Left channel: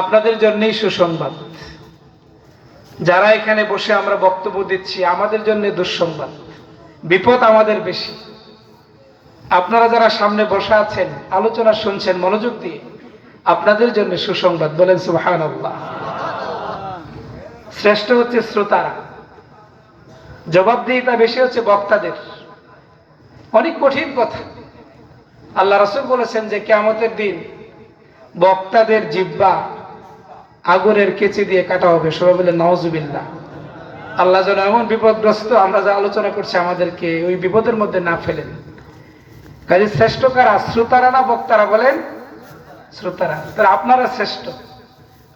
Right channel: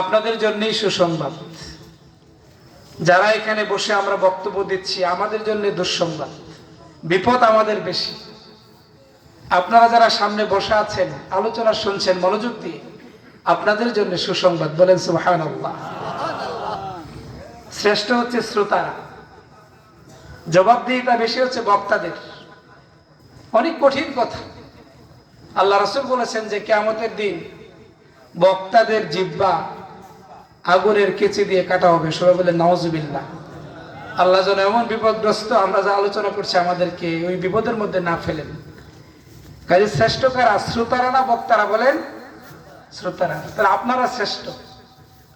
আপনাদের জন্যই সুসংবাদ। যারা এখানে বসে আমরা বক্তব্য দিচ্ছি আমাদের জন্য দুঃসংবাদ, বিপদ আমাদের বেশি। আপনারা যারা সামনে বসে আছেন, আলোচনা শুনছেন মনোযোগ দিয়ে, আপনাদের জন্য সুসংবাদ। বলেন সুবহানাল্লাহ। শ্রেষ্ঠ হচ্ছে শ্রোতারা, জবাবদিহিতা বেশি হচ্ছে বক্তাদের। অনেক কঠিন কথা। আল্লাহ রাসূল বলেছেন যে কিয়ামতের দিন বক্তাদের জিহ্বা আগুনের কেচি দিয়ে কাটা হবে। সবাই বলে নাউজুবিল্লাহ। আল্লাহ যেন এমন বিপদগ্রস্ত আমরা যা আলোচনা করছি আমাদেরকে ওই বিপদের মধ্যে না ফেলেন। কাজে শ্রেষ্ঠ কারা? শ্রোতারা না বক্তারা? বলেন শ্রোতারা। তাহলে আপনারা শ্রেষ্ঠ।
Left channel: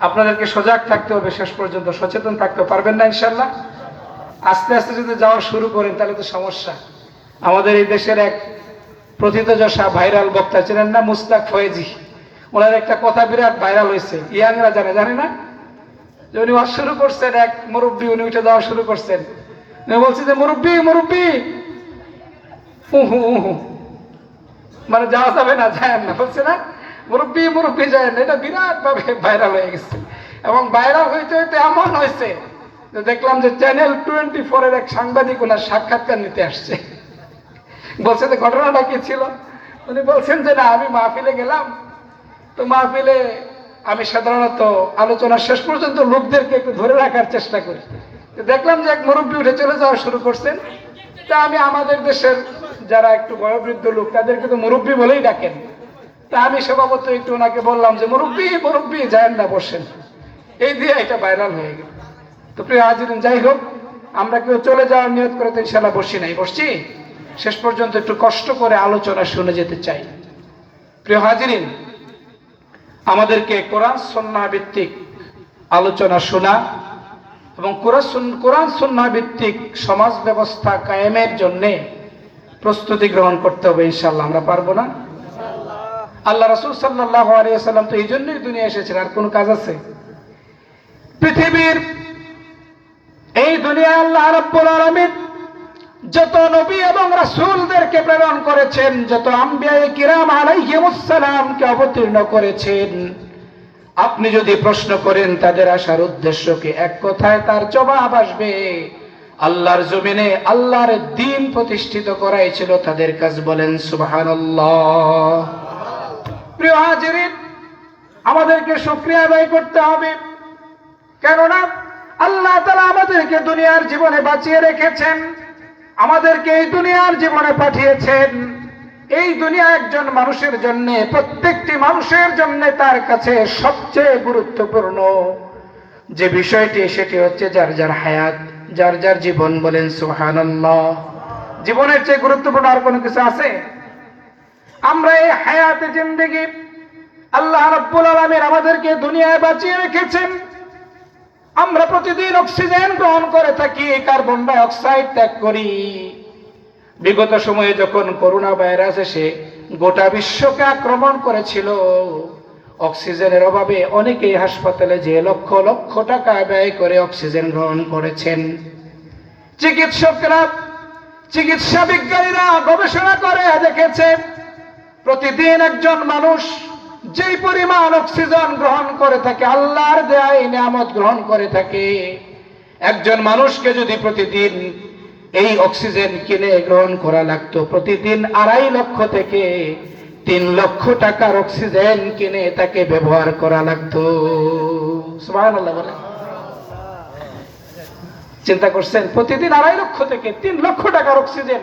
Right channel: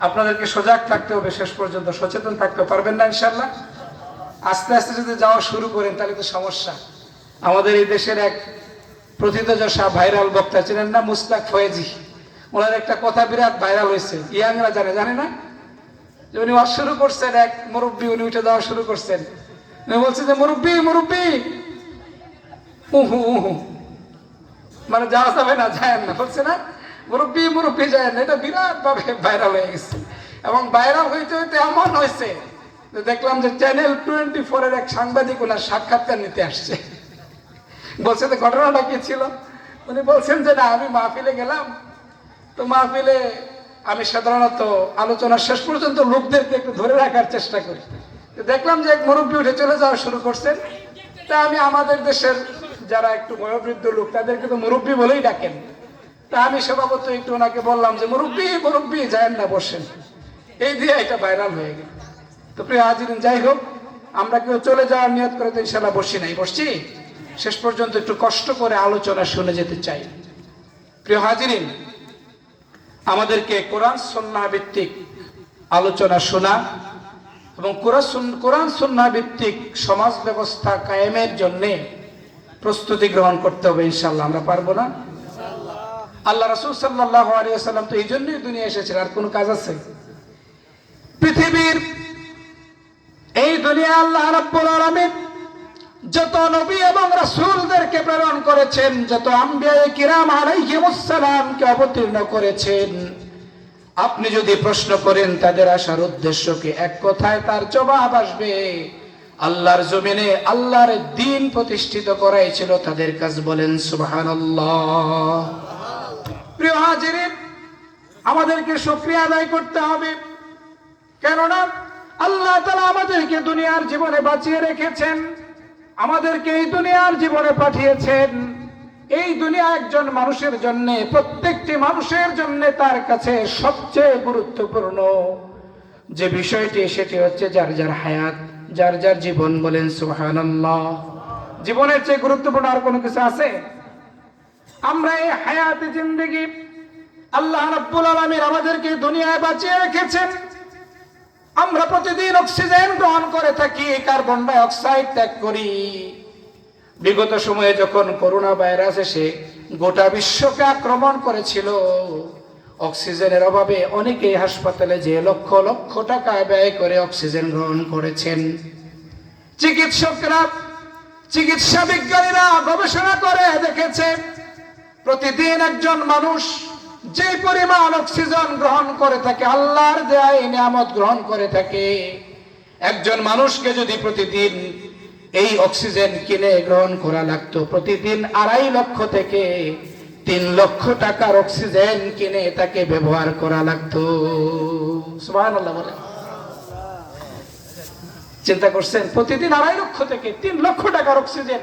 আপনাদেরকে সজাগ থাকতে হবে, শেষ পর্যন্ত সচেতন থাকতে পারবেন না ইনশাল্লাহ? আস্তে আস্তে যদি যাওয়া শুরু করেন তাহলে তো সমস্যা। আমাদের এই দেশের এক প্রথিতযশা ভাইরাল বক্তা ছিলেন না, মুস্তাক ফয়েজি। ওনার একটা কথা বিরাট ভাইরাল হয়েছে, ইয়াংরা জানে না? যে উনি ওয়াজ শুরু করছেন, এক মুরব্বী উনি উঠে যাওয়া শুরু করছেন। উনি বলছে যে মুরব্বী মুরব্বী, উহু উহু, মানে যাওয়া যাবে না, যায় না, বলছে না মুরব্বী মুরব্বী যায় না। এটা বিরাট ভাবে ভাইরাল হয়ে গেছে। এবং ভাইরাল হইতে হইতে এমন হয়েছে যে দেখলাম যে চ্যানেল 24 এর এক সাংবাদিক ওনার সাক্ষাৎকার নিতে আসছে। বলছে যে ঘটনাটা কি ছিল? উনি বলছেন যে না, আমি মাহফিলে গেলাম, তো মাহফিলে আমি সাধারণত আলোচনা শেষ পর্যন্ত লোকদেরকে একটু ধরে রাখার চেষ্টা করি। তো দেখলাম যে এক মুরব্বী উঠে চলে যাওয়া শুরু করছেন। তা আমি আমাদের দেশের যারা একটু বয়োবৃদ্ধ লোক তাদেরকে তো মুরব্বী বলেই ডাকেন। তা আমি স্বভাবত একটু ওনাকে বললাম যে মুরব্বী মুরব্বী যায়েন না, বসেন। এই দিয়ে এটা ভাইরাল হয়ে গেল। তো প্রিয় হাজিরিন, যাই হোক, আমরা কেউ চলে যাওয়ার নিয়ত করে তো ইনশাল্লাহ বসি নাই, বসছি শেষ পর্যন্ত একটু কষ্ট করে আলোচনা শুনে যেতে চাই। প্রিয় হাজিরিন, আমাদেরকে কোরআন সুন্নাহ ভিত্তিক আলোচনা শোনা এবং কোরআন সুন্নাহ ভিত্তিক সমাজ ব্যবস্থা কায়েমের জন্য প্রস্তুতি গ্রহণ করতে হবে ইনশাআল্লাহ। আমরা পারবো না? আল্লাহ রাসূল সাল্লাল্লাহু আলাইহি ওয়াসাল্লাম তো এই জন্যই দুনিয়া এসেছেন। আর কোন কাজ আছে? পৃথিবীর এই দুনিয়া আল্লাহ রাব্বুল আলামিন যত নবী এবং রাসূলদেরকে প্রেরণ করেছেন, যত আম্বিয়ায়ে কিরাম আলাইহিমুস সালামকে অবতীর্ণ করেছেন, আপনি যদি প্রশ্ন করেন তাদের আসার উদ্দেশ্য কি, এক কথায় তার জবাব আসবে আল্লাহর জমিনে আল্লাহর দ্বীন প্রতিষ্ঠিত করাই ছিল তাদের কাজ। বলেন সুবহানাল্লাহ। প্রিয় হাজিরিন, আমাদেরকে শুকরিয়া আদায় করতে হবে, কেননা আল্লাহ তাআলা আমাদেরকে দুনিয়ার জীবনে বাঁচিয়ে রেখেছেন, আমাদেরকে এই দুনিয়ার জীবনে পাঠিয়েছেন। এই দুনিয়া একজন মানুষের জন্য, প্রত্যেকটি মানুষের জন্য তার কাছে সবচেয়ে গুরুত্বপূর্ণ যে বিষয়টি, সেটি হচ্ছে যার যার হায়াত, যার যার জীবন। বলেন সুবহানাল্লাহ। জীবনের চেয়ে গুরুত্বপূর্ণ আর কোনো কিছু আছে? আমরা এই হায়াতে জিন্দেগি আল্লাহ রাব্বুল আলামিন আমাদেরকে দুনিয়ায় বাঁচিয়ে রেখেছেন। আমরা প্রতিদিন অক্সিজেন গ্রহণ করে থাকি, কার্বন ডাই অক্সাইড ত্যাগ করি। বিগত সময়ে যখন করোনা ভাইরাস এসে গোটা বিশ্বকে আক্রমণ করেছিল, অক্সিজেনের অভাবে অনেকেই হাসপাতালে যে লক্ষ লক্ষ টাকা ব্যয় করে অক্সিজেন গ্রহণ করেছেন। চিকিৎসকরা, চিকিৎসা বিজ্ঞানীরা গবেষণা করে দেখেছে প্রতিদিন একজন মানুষ যেই পরিমাণ অক্সিজেন গ্রহণ করে থাকে, আল্লাহর দেয়া এই নিয়ামত গ্রহণ করে থাকে, একজন মানুষকে যদি প্রতিদিন এই অক্সিজেন কিনে গ্রহণ করা লাগতো, প্রতিদিন 2.5 লক্ষ থেকে 3 লক্ষ টাকার অক্সিজেন কিনে তাকে ব্যবহার করা লাগতো। সুবহানাল্লাহ বলেন। চিন্তা করছেন? প্রতিদিন 2.5 লক্ষ থেকে 3 লক্ষ টাকার অক্সিজেন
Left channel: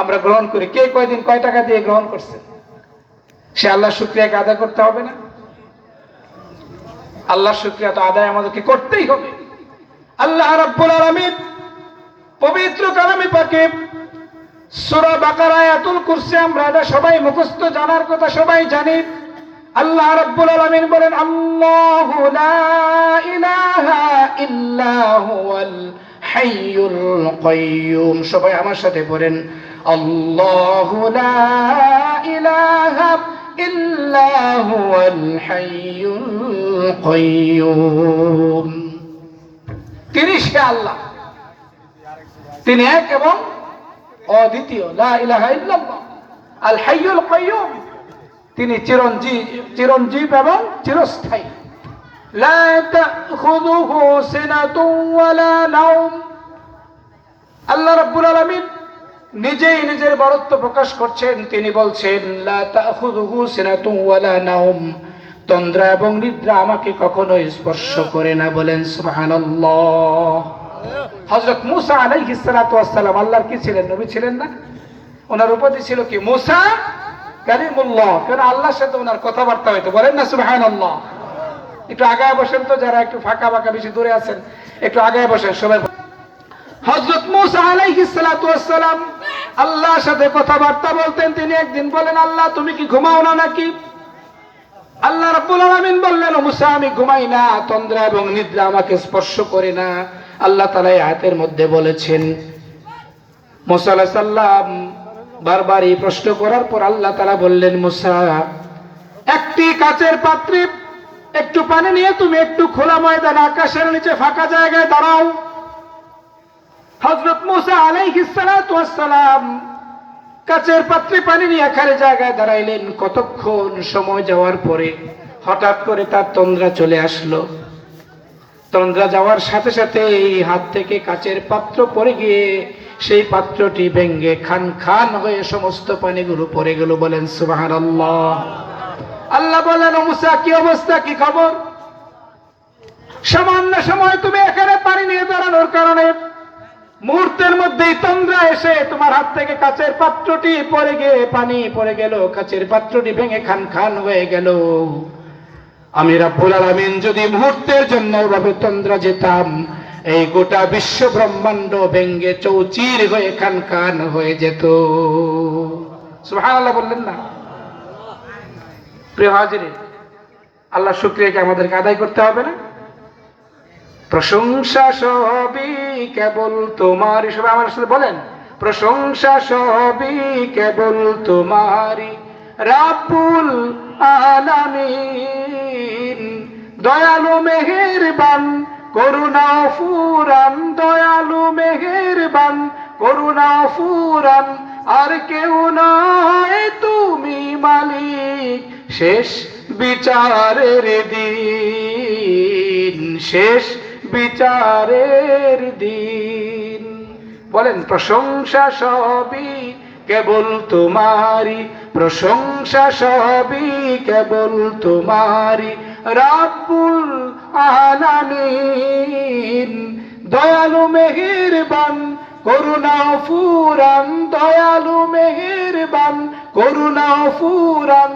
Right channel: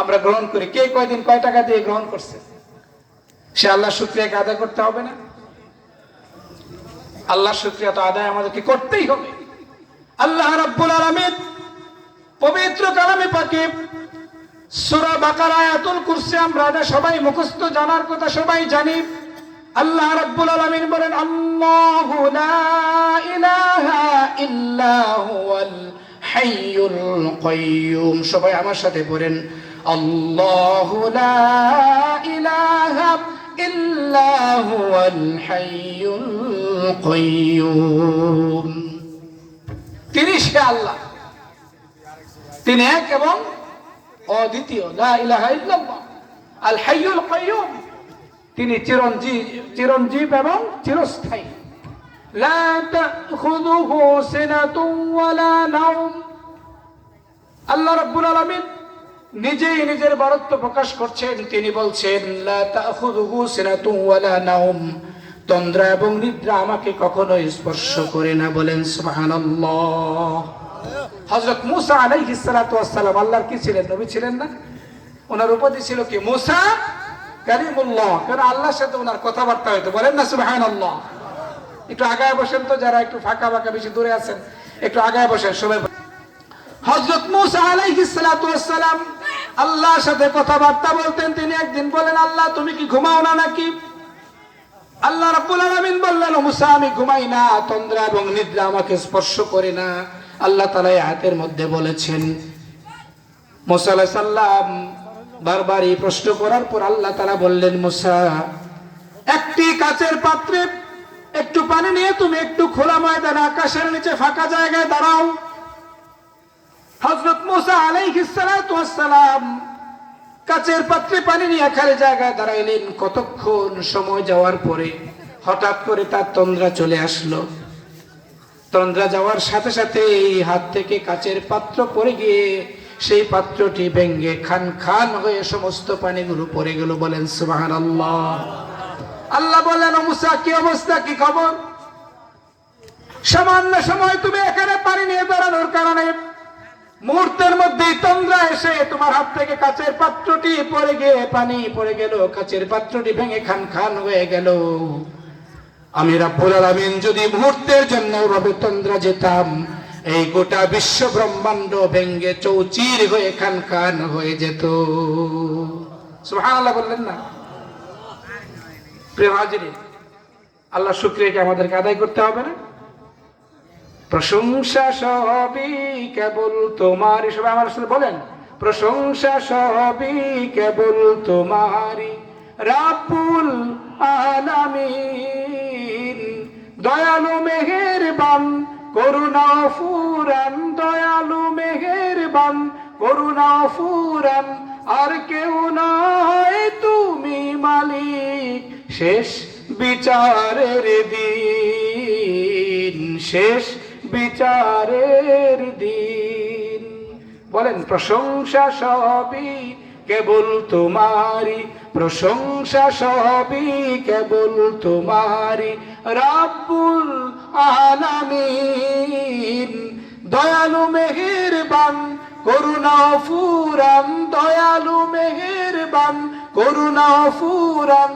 আমরা গ্রহণ করি। কে কয়দিন কয় টাকা দিয়ে গ্রহণ করছে? সে আল্লাহর শুকরিয়াকে আদায় করতে হবে না? আল্লাহর শুকরিয়া তো আদায় আমাদেরকে করতেই হবে। আল্লাহ রাব্বুল আলামিন পবিত্র কালামে পাকে সূরা বাকারা আয়াতুল কুরসি আমরা সবাই মুখস্থ, জানার কথা সবাই জানি। আল্লাহ রাব্বুল আলামিন বলেন, আল্লাহু লা ইলাহা ইল্লা হুয়াল হাইয়ুল কাইয়্যুম। সবাই আমার সাথে পড়েন, আল্লাহু লা ইলাহা ইল্লা হুয়াল হাইয়ুল কাইয়্যুম। তিনি সে আল্লাহ, তিনি এক এবং অদ্বিতীয়। লা ইলাহা ইল্লাল্লাহ আল হাইয়ুল কাইয়্যুম। তিনি চিরঞ্জীব এবং চিরস্থায়ী। লা তাখুযুহু সিনাতুন ওয়ালা নাওম। আল্লাহ রাব্বুল আলামিন নিজেই নিজের বরত্ব প্রকাশ করছেন। তিনি বলছেন লা তাখুযুহু সিনাতুন ওয়ালা নাওম, তন্দ্রা এবং নিদ্রা আমাকে কখনো স্পর্শ করে না। বলেন সুবহানাল্লাহ। হযরত মূসা আলাইহিস সালাতু ওয়াস সালাম আল্লাহর কি ছিলেন? নবী ছিলেন না? ওনার উপাধি ছিল কি? মূসা কালিমুল্লাহ। কারণ আল্লাহর সাথে ওনার কথাবার্তা হইতো। বলেন না সুবহানাল্লাহ। একটু আগায় বসেন তো, যারা একটু ফাঁকা বাঁকা বেশি দূরে আছেন একটু আগায় বসেন সবাই। হযরত মূসা আলাইহিস সালাতু ওয়াস সালাম আল্লাহর সাথে কথাবার্তা বলতেন। তিনি একদিন বলেন, আল্লাহ তুমি কি ঘুমাও না নাকি? আল্লাহ রাব্বুল আলামিন বললেন, ও মূসা আমি ঘুমাই না, তন্দ্রা এবং নিদ্রা আমাকে স্পর্শ করে না। আল্লাহ তাআলা এই আয়াতের মধ্যে বলেছেন। মূসা আলাইহিস সালাম বারবার এই প্রশ্ন করার পর আল্লাহ তাআলা বললেন, মূসা একটি কাচের পাত্রে একটু পানি নিয়ে তুমি একটু খোলা ময়দানে আকাশের নিচে ফাঁকা জায়গায় দাঁড়াও। হযরত মূসা আলাইহিস সালাতু ওয়াস সালাম কাচের পাত্রে পানি নিয়ে খালি জায়গায় দাঁড়াইলেন। কতক্ষণ সময় যাওয়ার পরে হঠাৎ করে তার তন্দ্রা চলে আসলো। তন্দ্রা যাওয়ার সাথে সাথে এই হাত থেকে কাচের পাত্র পড়ে গিয়ে সেই পাত্রটি ভেঙে খান খান হয়ে সমস্ত পানিগুলো পড়ে গেল। বলেন সুবহানাল্লাহ। আল্লাহ বললেন, মূসা কি অবস্থা, কি খবর? সামান্য সময় তুমি এখানে পানি নিয়ে দাঁড়ানোর কারণে মুহূর্তের মধ্যেই তন্দ্রা এসে তোমার হাত থেকে কাচের পাত্রটি পড়ে গিয়ে পানি পড়ে গেল, কাচের পাত্রটি ভেঙে খান খান হয়ে গেল। আমি রাব্বুল আলামিন যদি মুহূর্তের জন্য ওভাবে তন্দ্রা যেতাম, এই গোটা বিশ্ব ব্রহ্মাণ্ড ভেঙে চৌচির হয়ে খান খান হয়ে যেত। সুবহানাল্লাহ বললেন না? প্রিয় হাজিরিন, আল্লাহ শুকরিয়াকে আমাদেরকে আদায় করতে হবে না? প্রশংসা সবই কেবল তোমারই। সবাই আমার সাথে বলেন, প্রশংসা সবই কেবল তোমারই, রাব্বুল আলামিন। দয়ালু মেহেরবান করুণা ফুরান, দয়ালু মেহেরবান করুণা ফুরান, আর কেউ নয় তুমি মালিক শেষ বিচারের দিন, শেষ বিচারের দিন। বলেন, প্রশংসা সবই কেবল তোমারই, প্রশংসা সবই কেবল তোমারই, রাব্বুল আলামিন। দয়ালু মেহেরবান করুণা ফুরান, দয়ালু মেহেরবান করুণা ফুরান,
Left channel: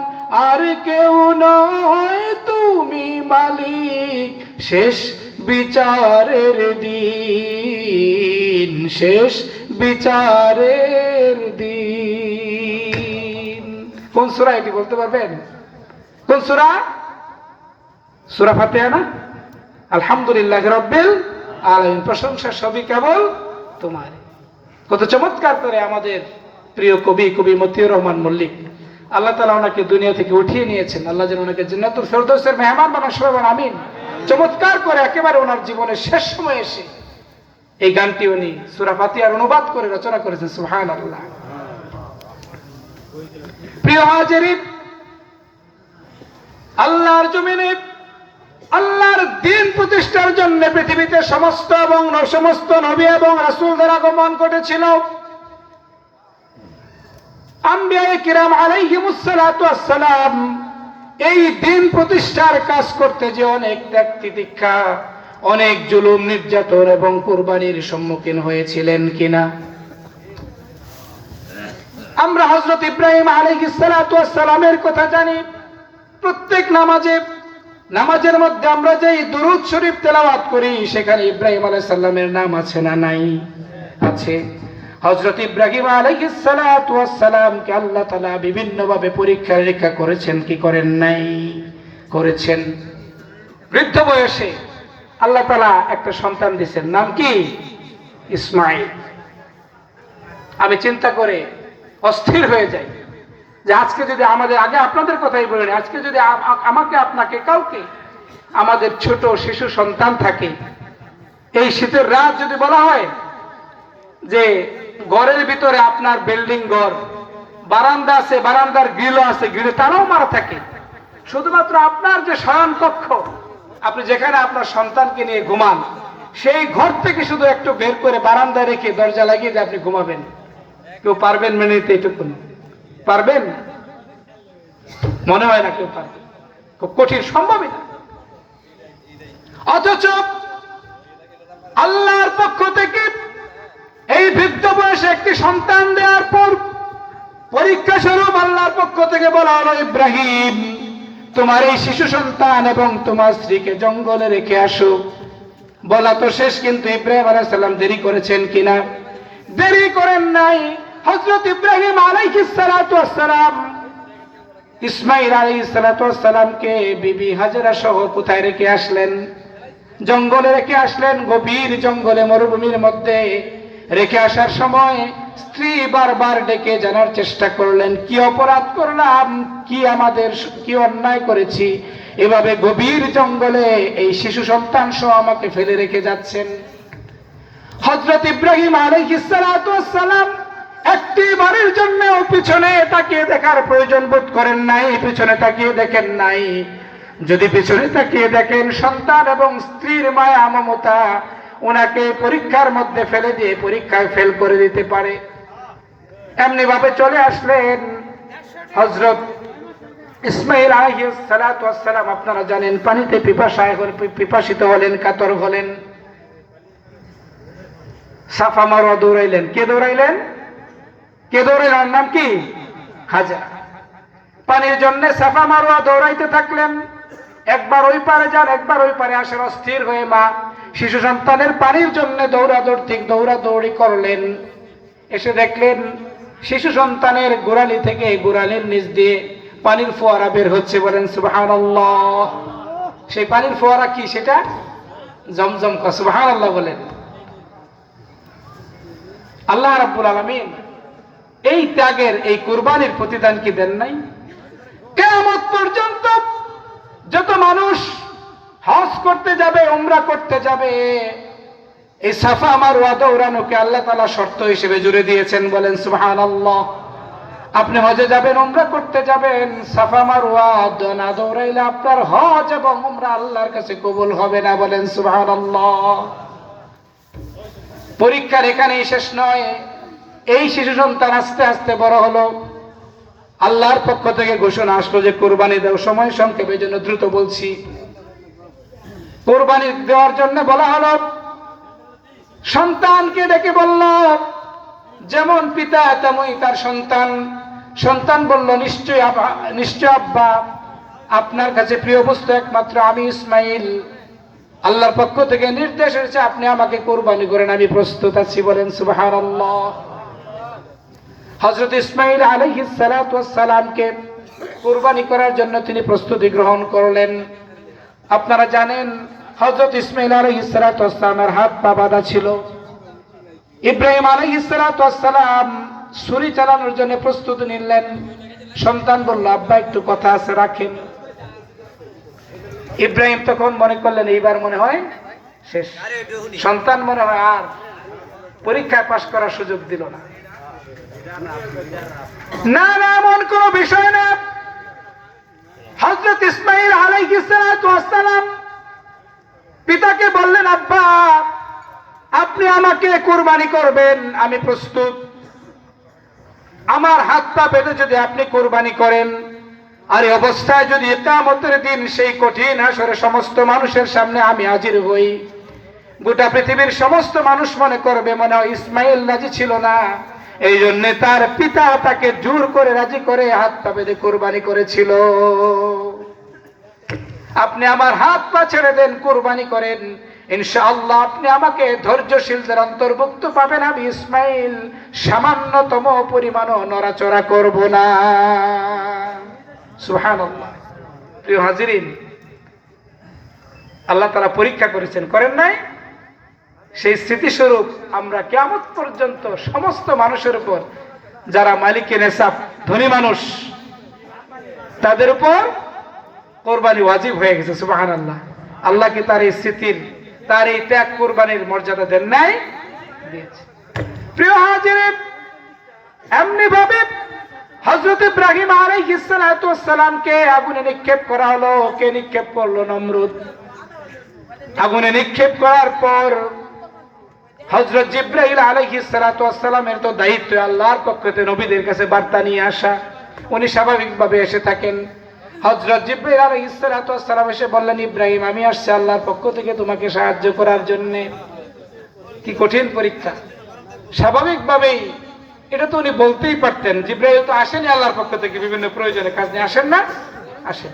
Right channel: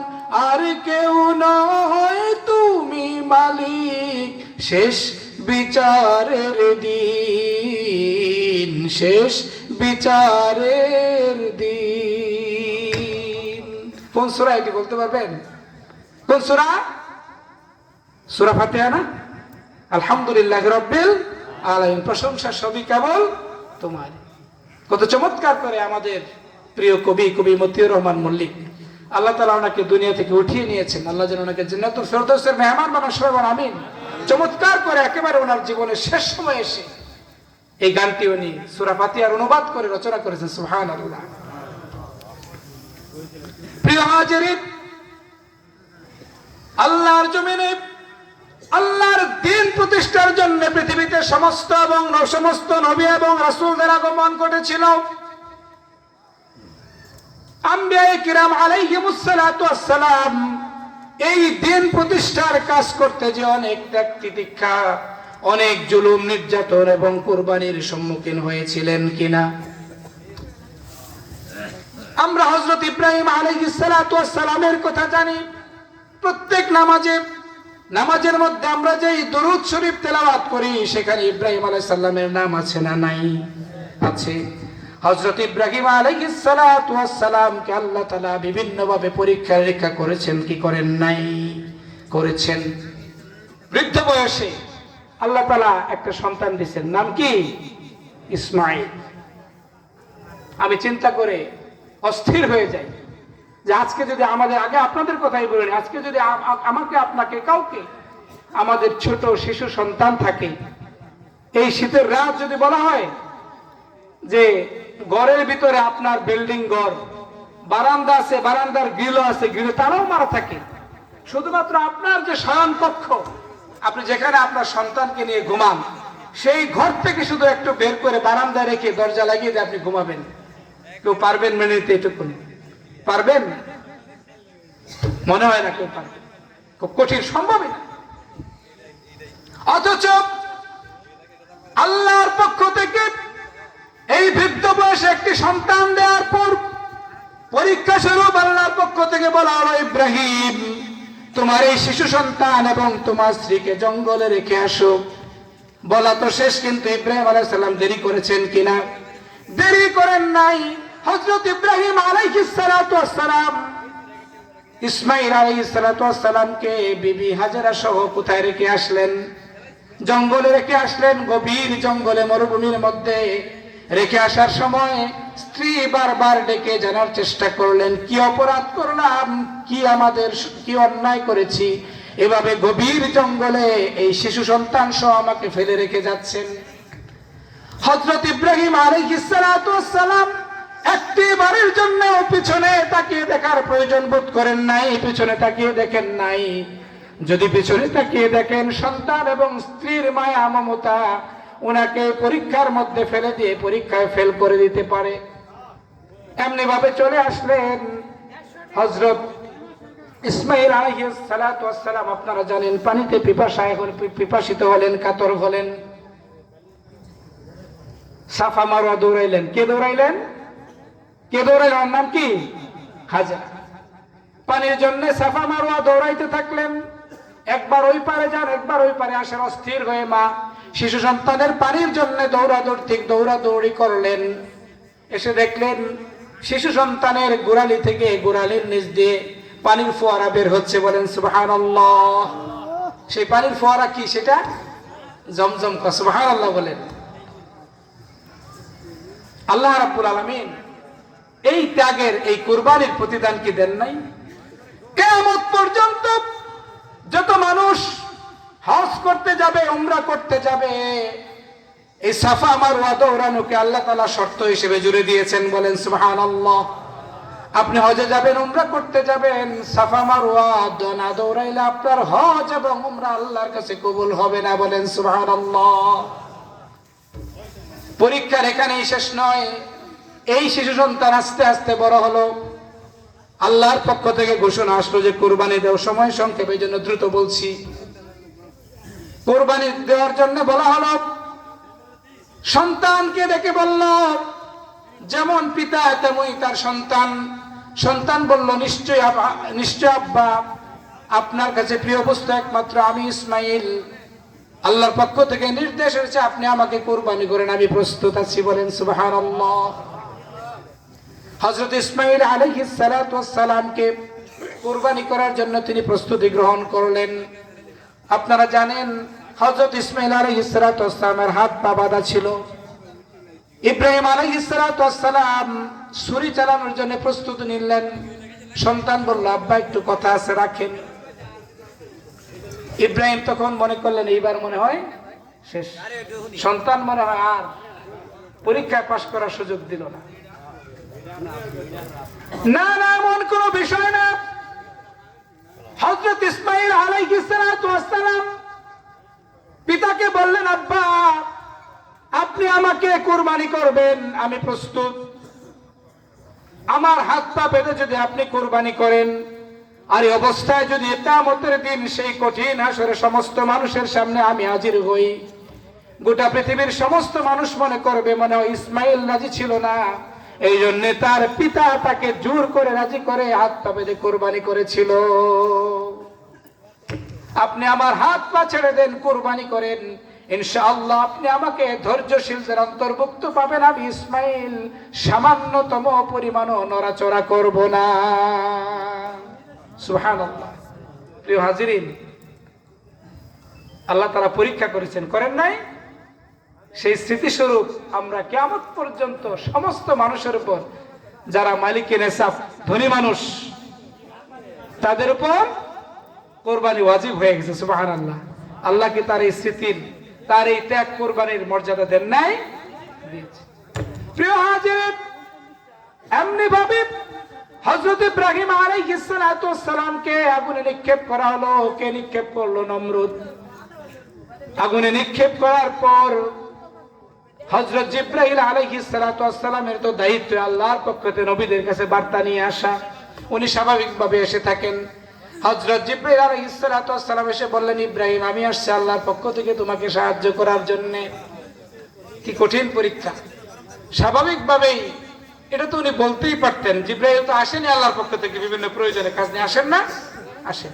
আর কেউ নয় তুমি মালিক শেষ বিচারের দিন, শেষ বিচারের দিন। কোন সূরা এটি বলতে পারবেন? কোন সূরা? সূরা ফাতিহা না? আলহামদুলিল্লাহি রাব্বিল আলামিন। প্রশংসা সবই কেবল তোমার। কত চমৎকার করে আমাদের প্রিয় কবি মতিউর রহমান মল্লিক, আল্লাহ তাআলা ওনাকে দুনিয়া থেকে উঠিয়ে নিয়েছেন। আল্লাহ যেন ওনাকে জান্নাতুল ফেরদৌসের মেহমান বানান, সবাই বলেন আমিন। চমৎকার করে একেবারে ওনার জীবনের শেষ সময় এসে এই গানটি উনি সূরা ফাতিহার অনুবাদ করে রচনা করেছেন। সুবহানাল্লাহ। প্রিয় হাজিরিন, আল্লাহর জমিনে আল্লাহর দ্বীন প্রতিষ্ঠার জন্য পৃথিবীতে সমস্ত নবী এবং রাসূলদের আগমন ঘটেছিল। আম্বিয়ায়ে কিরাম আলাইহিমুস সালাতু ওয়াস সালাম এই দ্বীন প্রতিষ্ঠার কাজ করতে যে অনেক ত্যাগ তিতিক্ষা, অনেক জুলুম নির্যাতন এবং কুরবানির সম্মুখীন হয়েছিলেন কিনা? আমরা হযরত ইব্রাহিম আলাইহিস সালাতু ওয়াস সালামের কথা জানি। প্রত্যেক নামাজের মধ্যে আমরা যে দুরূদ শরীফ তেলাওয়াত করি, সেখানে ইব্রাহিম আলাইহিস সালামের নাম আছে না নাই? আছে। হযরত ইব্রাহিম আলাইহিস সালাতু ওয়াস সালামকে আল্লাহ তাআলা বিভিন্নভাবে পরীক্ষা নিরীক্ষা করেছেন, কি করেন নাই? করেছেন। বৃদ্ধ বয়সে আল্লাহ তাআলা একটা সন্তান দিয়েছেন, নাম কি? ইসমাঈল। আমি চিন্তা করে অস্থির হয়ে যাই যে আজকে যদি আমাদের, আগে আপনাদের কথাই বলেন, আজকে যদি আমাকে আপনাকে কাউকে আমাদের ছোট শিশু সন্তান থাকে, এই শীতের রাত যদি বলা হয় যে ঘরের ভিতরে আপনার বিল্ডিং ঘর, বারান্দা আছে, বারান্দার গ্রিল আছে, গ্রিলে তারাও মারা থাকে, শুধুমাত্র আপনার যে শয়ন কক্ষ, আপনি যেখানে আপনার সন্তানকে নিয়ে ঘুমান, সেই ঘর থেকে শুধু একটু বের করে বারান্দায় রেখে দরজা লাগিয়ে যে আপনি ঘুমাবেন, কেউ পারবেন মেনে নিতে? এটুকুনি পারবেন? মনে হয় না কেউ পারবে, খুব কঠিন, সম্ভবই না। অথচ আল্লাহর পক্ষ থেকে এই বৃদ্ধ বয়সে একটি সন্তান দেওয়ার পর পরীক্ষা স্বরূপ আল্লাহর পক্ষ থেকে বলা হলো, ইব্রাহিম, তোমার এই শিশু সন্তান এবং তোমার স্ত্রীকে জঙ্গলে রেখে আসো। বলা তো শেষ, কিন্তু ইব্রাহিম আলাইহিস সালাম দেরি করেছেন কিনা? দেরি করেন নাই। হযরত ইব্রাহিম আলাইহিস সালাতু ওয়াস সালাম ইসমাঈল আলাইহিস সালাতু ওয়াস সালামকে বিবি হাজেরা সহ কোথায় রেখে আসলেন? জঙ্গলে রেখে আসলেন, গভীর জঙ্গলে, মরুভূমির মধ্যে রেখে আসার সময় স্ত্রী বারবার ডেকে জানার চেষ্টা করলেন, কি অপরাধ করলাম, কি অন্যায় করেছি, এভাবে গভীর জঙ্গলে এই শিশু সন্তান সহ আমাকে ফেলে রেখে যাচ্ছেন। হযরত ইব্রাহিম আলাইহিস সালাতু ওয়াস সালাম একটি বারের জন্য পিছনে তাকিয়ে দেখার প্রয়োজন বোধ করেন নাই, পিছনে তাকিয়ে দেখেন নাই। যদি পিছনে তাকিয়ে দেখেন, সন্তান এবং স্ত্রীর মায়া মমতা ওনাকে পরীক্ষার মধ্যে ফেলে দিয়ে পরীক্ষায় ফেল করে দিতে পারে। এমনি ভাবে চলে আসলেন হযরত ইসমাঈল আলাইহিস সালাতু ওয়াস সালাম। আপনারা জানেন, পানিতে পিপাসিত হলেন, কাতর হলেন, সাফা মারওয়া দৌড়াইলেন। কে দৌড়াইলেন? নাম কি? হাজেরা। পানির জন্য সাফা মারওয়া দৌড়াইতে থাকলেন। একবার ওই পারে যান, একবার ওই পারে আসেন, অস্থির হয়ে মা শিশু সন্তানের পানির জন্য দৌড়াদৌড়ি করলেন। এসে দেখলেন শিশু সন্তানের গোড়ালি থেকে, গোড়ালির নিচ দিয়ে পানির ফোয়ারা বের হচ্ছে। বলেন সুবহানাল্লাহ। সেই পানির ফোয়ারা কি? সেটা জমজম। সুবহানাল্লাহ বলেন। আল্লাহ রাব্বুল আলামিন এই ত্যাগের, এই কুরবানির প্রতিদান কি দেন নাই? কিয়ামত পর্যন্ত যত মানুষ হজ করতে যাবে, উমরা করতে যাবে, এই সাফা মারওয়া দৌড়ানোকে আল্লাহ তাআলা শর্ত হিসেবে জুড়ে দিয়েছেন। বলেন সুবহানাল্লাহ। আপনি হজে যাবেন, উমরা করতে যাবেন, সাফা মারওয়া না দৌড়াইলে আপনার হজ এবং উমরা আল্লাহর কাছে কবুল হবে না। বলেন সুবহানাল্লাহ। পরীক্ষার এখানেই শেষ নয়। এই শিশু সন্তান আস্তে আস্তে বড় হলো। আল্লাহর পক্ষ থেকে ঘোষণা আসলো যে কুরবানি দাও। সময় সংক্ষেপের জন্য দ্রুত বলছি। কুরবানি দেওয়ার জন্য বলা হলো, সন্তানকে ডেকে বলল, যেমন পিতা তেমনই তার সন্তান। সন্তান বলল, নিশ্চয় আব্বা, আপনার কাছে প্রিয় বস্তু একমাত্র আমি ইসমাঈল। আল্লাহর পক্ষ থেকে নির্দেশ এসেছে, আপনি আমাকে কুরবানি করেন, আমি প্রস্তুত আছি। বলেন সুবহানাল্লাহ। হযরত ইসমাঈল আলাইহিস সালাতু ওয়াস সালামকে কুরবানি করার জন্য তিনি প্রস্তুতি গ্রহণ করলেন। আপনারা জানেন, হযরত ইসমাঈল আলাইহিস সালাতু ওয়াস সালামের হাত পা বাঁধা ছিল। ইব্রাহিম আলাইহিস সালাতু ওয়াস সালাম ছুরি চালানোর জন্য প্রস্তুতি নিলেন। সন্তান বলল, আব্বা একটু কথা আছে, রাখেন। ইব্রাহিম তখন মনে করলেন, এইবার মনে হয় শেষ। সন্তান মনে হয় আর পরীক্ষায় পাশ করার সুযোগ দিল না। না না, এমন কোন বিষয় না। হযরত ইসমাঈল আলাইহিস সালাতু ওয়াস সালাম পিতাকে বললেন, আব্বা, আপনি আমাকে কুরবানি করবেন, আমি প্রস্তুত। আমার হাত পা বেঁধে যদি আপনি কুরবানি করেন, আর এই অবস্থায় যদি কিয়ামতের দিন সেই কঠিন হাসরে সমস্ত মানুষের সামনে আমি হাজির হই, গোটা পৃথিবীর সমস্ত মানুষ মনে করবে মনে হয় ইসমাঈল রাজি ছিল না, এই জন্য তার পিতা তাকে জোর করে রাজি করে হাত পা বেঁধে কুরবানি করেছিল। আপনি আমার হাত পা ছেড়ে দেন, কুরবানি করেন, ইনশাআল্লাহ আপনি আমাকে ধৈর্যশীলদের অন্তর্ভুক্ত পাবেন। আমি ইসমাঈল সামান্যতম পরিমাণও নড়াচড়া করব না। সুবহানাল্লাহ। প্রিয় হাজিরিন, আল্লাহ তাআলা পরীক্ষা করেছেন, করেন নাই? সেই স্মৃতিস্বরূপ আমরা কিয়ামত পর্যন্ত সমস্ত মানুষের উপর, যারা মালিকের নেসাব, ধনী মানুষ, তাদের উপর কোরবানি ওয়াজিব হয়ে গেছে। সুবহানাল্লাহ। আল্লাহ কি তার এই স্মৃতির, তার এই ত্যাগ কোরবানির মর্যাদা দেন নাই? দিয়েছে। প্রিয় হাজিরিন, এমনি ভাবে হযরত ইব্রাহিম আলাইহিস সালাতু ওয়াস সালামকে আগুনে নিক্ষেপ করা হলো। কে নিক্ষেপ করলো? নমরুদ। আগুনে নিক্ষেপ করার পর হযরত জিবরাইল আলাইহিস সালাতু ওয়াস সালামের তো দায়িত্ব আল্লাহর পক্ষ থেকে নবীদের কাছে বার্তা নিয়ে আসা। উনি স্বাভাবিকভাবে এসে থাকেন। হযরত জিবরাইল আলাইহিস সালাতু ওয়াস সালাম এসে বললেন, ইব্রাহিম আমি আসছি আল্লাহর পক্ষ থেকে তোমাকে সাহায্য করার জন্য। কি কঠিন পরীক্ষা! স্বাভাবিকভাবেই এটা তো উনি বলতেই পারতেন, জিবরাইল তো আসেনি আল্লাহর পক্ষ থেকে বিভিন্ন প্রয়োজনে কাজ নিয়ে, আসেন না? আসেন।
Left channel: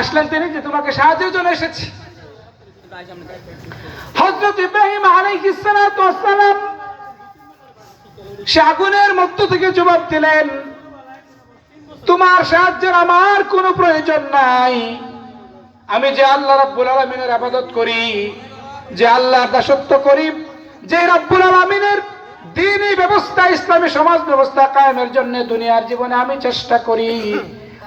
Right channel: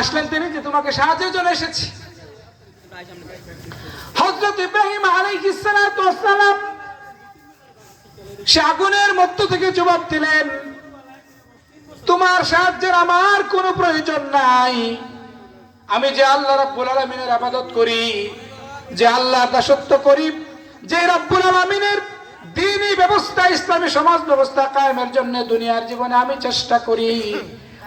আসলেন তিনি যে তোমাকে সাহায্যের জন্য এসেছি। হযরত ইব্রাহিম আলাইহিস সালাতু ওয়াস সালাম সে আগুনের মধ্য থেকে জবাব দিলেন, তোমার সাহায্যের আমার কোনো প্রয়োজন নাই। আমি যে আল্লাহ রাব্বুল আলামিনের ইবাদত করি, যে আল্লাহর দাসত্ব করি, যে রাব্বুল আলামিনের দ্বীনি ব্যবস্থা, ইসলামী সমাজ ব্যবস্থা কায়েমের জন্য দুনিয়ার জীবনে আমি চেষ্টা করি,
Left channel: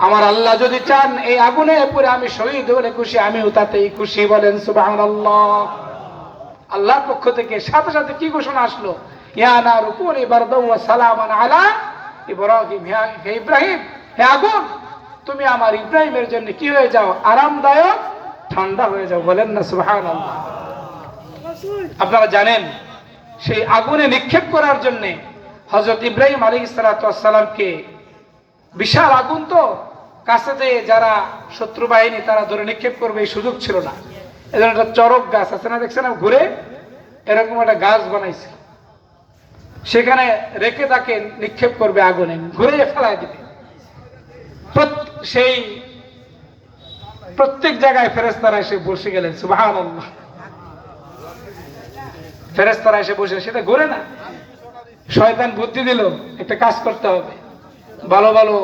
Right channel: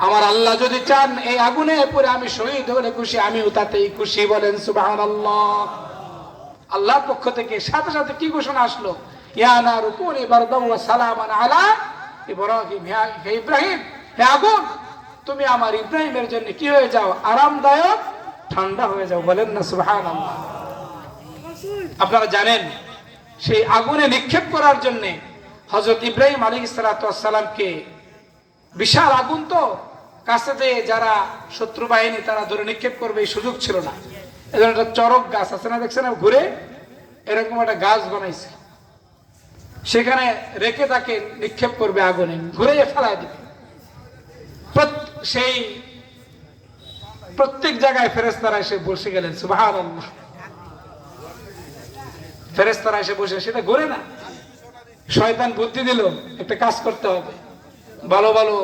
আমার আল্লাহ যদি চান এই আগুনে পুরে আমি শহীদ হলে খুশি, আমিও তাতেই খুশি। বলেন সুবহানাল্লাহ। আল্লাহর পক্ষ থেকে সাথে সাথে কি ঘোষণা আসলো? ইয়া নারু কুনি বারদাও ওয়া সালামান আলা ইব্রাহিম। হে ইব্রাহিম, হে আগুন, তুমি আমার ইব্রাহিমের জন্য কি হয়ে যাও? আরামদায়ক, ঠান্ডা হয়ে যাও। বলেন না সুবহানাল্লাহ। আপনারা জানেন সেই আগুনে নিক্ষেপ করার জন্য হযরত ইব্রাহিম আলাইহিস সালাতু ওয়াস সালামকে, বিশাল আগুন তো, কাছে দিয়ে যারা শত্রু বাহিনী তারা ধরে নিক্ষেপ করবে এই সুযোগ ছিল না। এজন্য একটা চরক গাছ আছে না, দেখছেন ঘুরে, এরকম একটা গাছ বানাইছে, সেখানে রেখে তাকে নিক্ষেপ করবে আগুনে, ঘুরে ফেলায় দিবে। সেই প্রত্যেক জায়গায় ফেরেশতারা এসে বসে গেলেন। সুবহানাল্লাহ। ফেরেশতারা এসে বসে, সেটা ঘুরে না। শয়তান বুদ্ধি দিল একটা কাজ করতে হবে, ভালো ভালো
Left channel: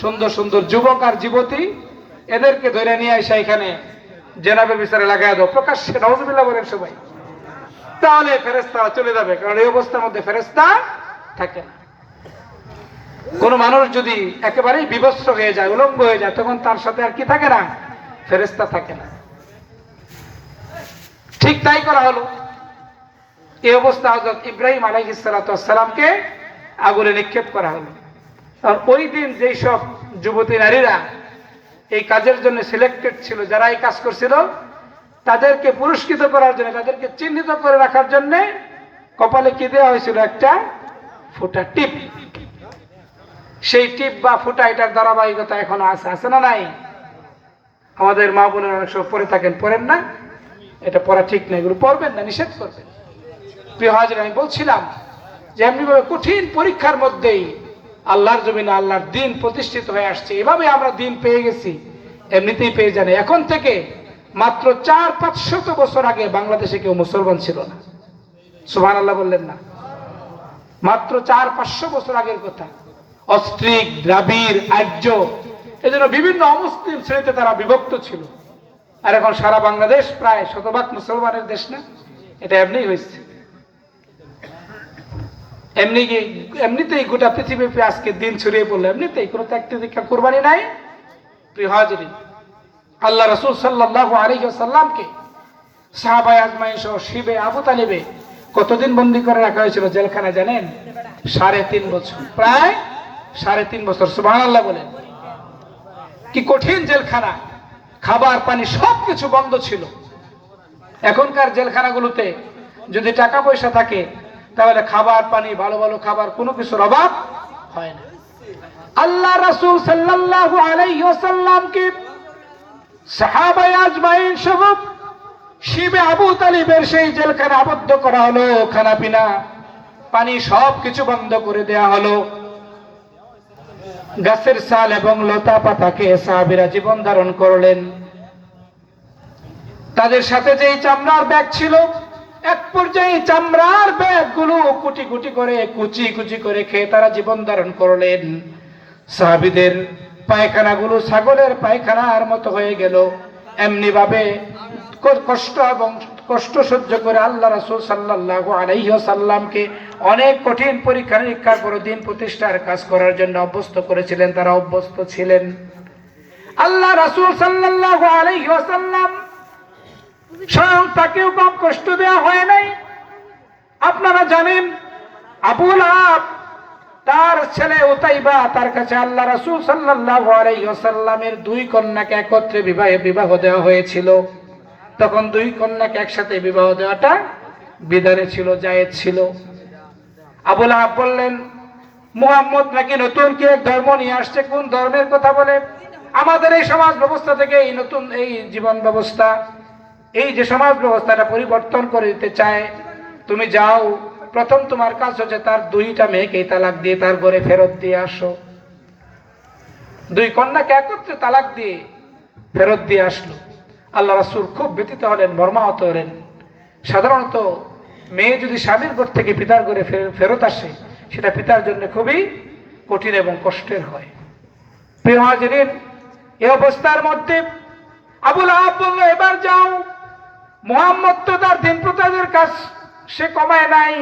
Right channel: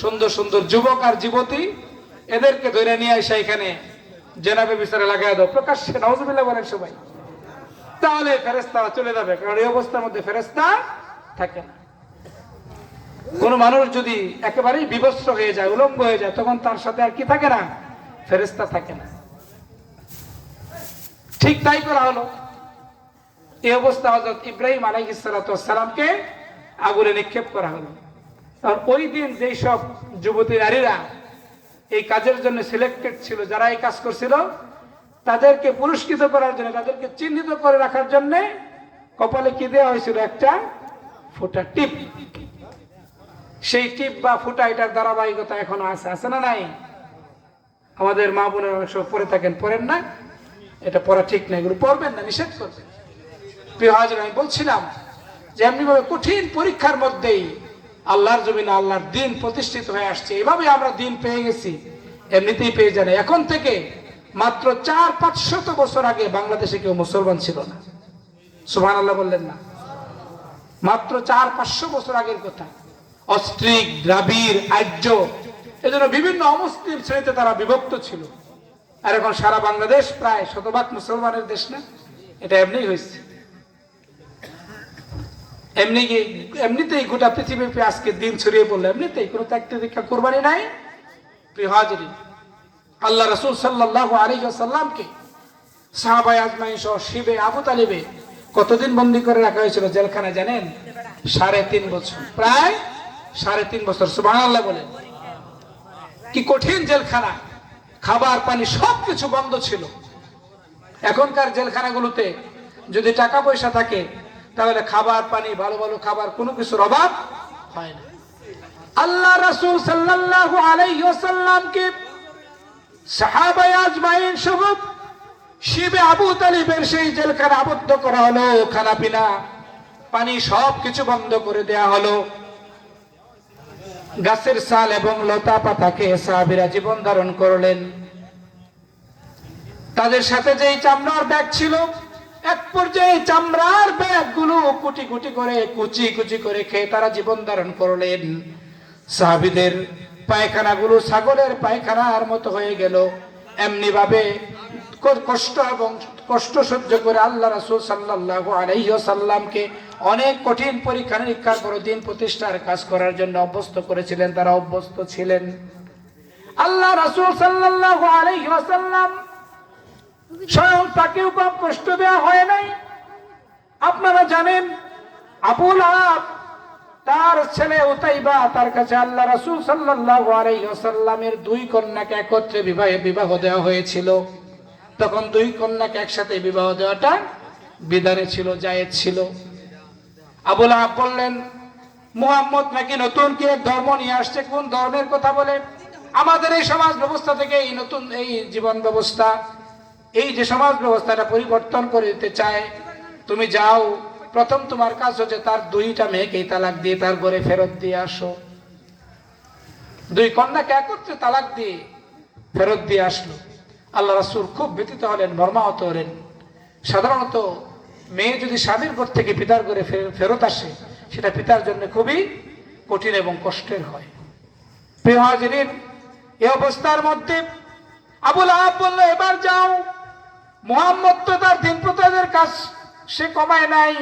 সুন্দর সুন্দর যুবক আর যুবতী এদেরকে ধরে নিয়ে এসে এখানে জেনাবে বিচারে লাগাই দাও, প্রকাশ্যে নাউজুবিল্লাহ বলেন সবাই। তাহলে ফেরেশতারা চলে যাবে, কারণ এই অবস্থার মধ্যে ফেরেশতা থাকে না। কোন মানুষ যদি একেবারেই বিভৎস হয়ে যায়, উলঙ্গ হয়ে যায়, তখন তার সাথে আর কি থাকে না? ফেরেশতা থাকে না। ঠিক তাই করা হলো। এই অবস্থা হযরত ইব্রাহিম আলাইহিস সালাতু ওয়াস সালামকে আগুনে নিক্ষেপ করা হলো। আর ওই দিন যেই সব যুবতী নারীরা এই কাজের জন্য সিলেক্টেড ছিল, যারা এই কাজ করছিল, তাদেরকে পুরস্কৃত করার জন্য, তাদেরকে চিহ্নিত করে রাখার জন্য কপালে কি দেওয়া হয়েছিল? একটা ফুটা টিপ। সেই টিপ বা ফুটা, এটার ধারাবাহিকতা এখনো আছে, আছে না নাই? আমাদের মা বোনের অনেক সময় পড়ে থাকেন, পড়েন না? এটা পড়া ঠিক না, এগুলো পড়বেন না, নিষেধ করবেন। প্রিয় হাজির, আমি বলছিলাম যে এমনিভাবে কঠিন পরীক্ষার মধ্যেই আল্লাহর জমিনে আল্লাহর দ্বীন প্রতিষ্ঠিত হয়ে আসছে। এভাবে আমরা দ্বীন পেয়ে গেছি, এমনিতেই পেয়ে জানি। এখন থেকে মাত্র 400-500 বছর আগে বাংলাদেশে কেউ মুসলমান ছিল না। সুবহানাল্লাহ বললেন না? মাত্র 400-500 বছর আগের কথা। অস্ট্রিক, দ্রাবিড়, আর্য, এজন্য বিভিন্ন অমুসলিম শ্রেণীতে তারা বিভক্ত ছিল। আর এখন সারা বাংলাদেশ প্রায় শতভাগ মুসলমানের দেশ না? এটা এমনি হয়েছে। এমনিতেই গোটা পৃথিবীতে আজকে দিন ছড়িয়ে পড়লো, এমনিতেই কোনো ত্যাগ তিতিক্ষা কুরবানি নাই। প্রিয় হাজিরিন, আল্লাহ রাসূল সাল্লাল্লাহু আলাইহি ওয়াসাল্লামকে সাহাবায়ে আজমাইন সহ শিবে আবু তালিবে কতদিন বন্দী করে রাখা হয়েছিল জেলখানায় জানেন? 3.5 বছর, প্রায় 3.5 বছর। সুবহানাল্লাহ বলেন। কি কঠিন জেলখানা! খাবার পানি সবকিছু বন্ধ ছিল। এখনকার জেলখানাগুলোতে যদি টাকা পয়সা থাকে তাহলে খাবার পানি, ভালো ভালো খাবার, কোনো কিছুর অভাব হয় না। আল্লাহ রাসূল সাল্লাল্লাহু আলাইহি ওয়াসাল্লামকে সাহাবায়ে আজমাইন সহ শিবে আবু তালিবের সেই জেলখানা আবদ্ধ করা হলো। খানা পিনা, পানি সবকিছু বন্ধ করে দেয়া হলো। গাছের ছাল এবং লতা পাতাকে সাহাবীরা জীবন ধারণ করলেন। তাদের সাথে যেই চামড়ার ব্যাগ ছিল, এক পর্যায়ে চামড়ার ব্যাগগুলো কুচি কুচি করে খেয়ে তারা জীবন ধারণ করলেন। সাহাবীদের পায়খানাগুলো ছাগলের পায়খানার মতো হয়ে গেল। এমনি ভাবে কষ্ট সহ্য করে আল্লাহ রাসূল সাল্লাল্লাহু আলাইহি ওয়াসাল্লামকে অনেক কঠিন পরীক্ষা নিরীক্ষার পর দিন প্রতিষ্ঠার কাজ করার জন্য অভ্যস্ত করেছিলেন। তারা অভ্যস্ত ছিলেন। আল্লাহ রাসূল সাল্লাল্লাহু আলাইহি ওয়াসাল্লাম স্বয়ং তাকেও কম কষ্ট দেওয়া হয় নাই। আপনারা জানেন আবু লাহাব তার ছেলে উতাইবা তার কাছে আল্লাহ রাসূল সাল্লাল্লাহু আলাইহি ওয়াসাল্লামের দুই কন্যাকে একত্রে বিবাহ দেওয়া হয়েছিল। তখন দুই কন্যাকে একসাথে বিবাহ দেওয়াটা বিধানে ছিল, জায়েজ ছিল। আবু লাহাব বললেন, মুহাম্মদ নাকি নতুন কি এক ধর্ম নিয়ে আসছে, কোন ধর্মের কথা বলে? আমাদের এই সমাজ ব্যবস্থা থেকে এই নতুন এই জীবন ব্যবস্থা, এই যে সমাজ ব্যবস্থাটা পরিবর্তন করে দিতে চায়। তুমি যাও, প্রথম তোমার কাজ হচ্ছে তার দুইটা মেয়েকে তালাক দিয়ে তার ঘরে ফেরত দিয়ে আসো। দুই কন্যাকে একত্রে তালাক দিয়ে ফেরত দিয়ে আসলো। আল্লাহ রাসূল খুব ব্যথিত হলেন, মর্মাহত হলেন। সাধারণত মেয়ে যদি স্বামীর ঘর থেকে পিতার ঘরে ফেরত আসে, সেটা পিতার জন্য খুবই কঠিন এবং কষ্টের হয়। প্রিয় হাজিরিন, এই অবস্থার মধ্যে আবু লাহাব বলল, এবার যাও, মুহাম্মদ তো তার দিন প্রচারের কাজ সে কমায় নাই,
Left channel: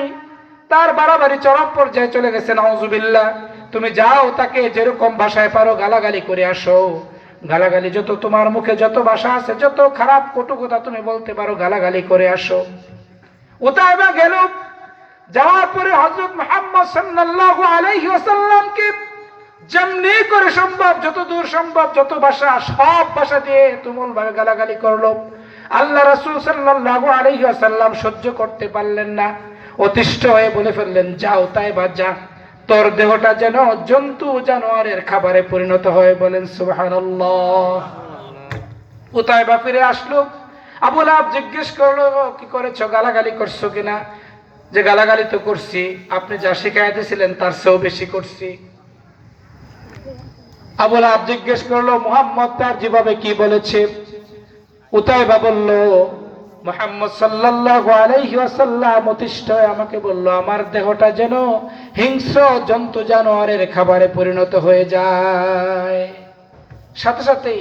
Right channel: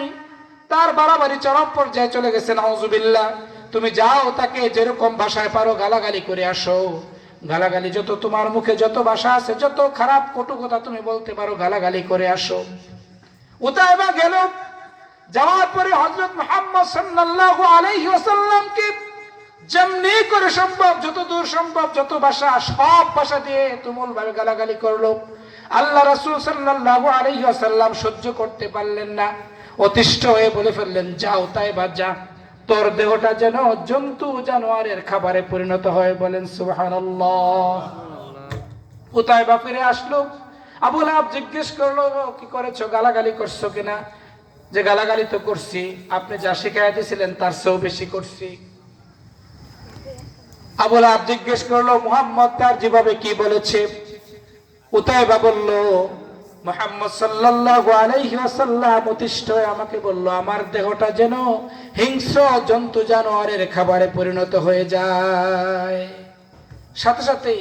তার বাড়াবাড়ি চরম পর্যায়ে চলে গেছে, নাউজুবিল্লাহ। তুমি যাও, তাকে যেরকম ভাষায় পারো গালাগালি করে আসো। গালাগালি যত তোমার মুখে যত ভাষা আছে, যত খারাপ কটু কথা তুমি বলতে পারো, গালাগালি করে আসো। উতাইবা গেল। যাওয়ার পরে হযরত মুহাম্মদ সাল্লাল্লাহু আলাইহি ওয়াসাল্লামকে যেমনি করে সম্ভব, যত দূর সম্ভব, যত ভাষা, সব ভাষা দিয়ে তুমুল ভাবে গালাগালি করলো। আল্লাহ রাসূল সাল্লাল্লাহু আলাইহি ওয়াসাল্লাম সহ্য করতে পারলেন না, অতিষ্ঠ হয়ে বলে ফেললেন, যাও উতাইবা যা, তোর দেহটা যেন জন্তু জানোয়ারের খাবারে পরিণত হয়। বলেন সুবহানাল্লাহ। উতাইবা ফিরে আসলো। আবু লাহাব জিজ্ঞেস করলো, কি করেছো, গালাগালি করছো কিনা? যে গালাগালি তো করছি, আপনি যা শিখাইতেছিলেন তার চেয়েও বেশি করছি। আবু লাহাব জিজ্ঞেস করলো, মুহাম্মদ তার যেভাবে কি বলেছে? উতাইবা বলল, মুহাম্মদ সাল্লাল্লাহু আলাইহি ওয়াসাল্লাম অতিষ্ঠ হয়ে আমাকে বলল, আমার দেহটা যেন হিংস্র জন্তু জানোয়ারের খাবারে পরিণত হয়ে যায়। সাথে সাথেই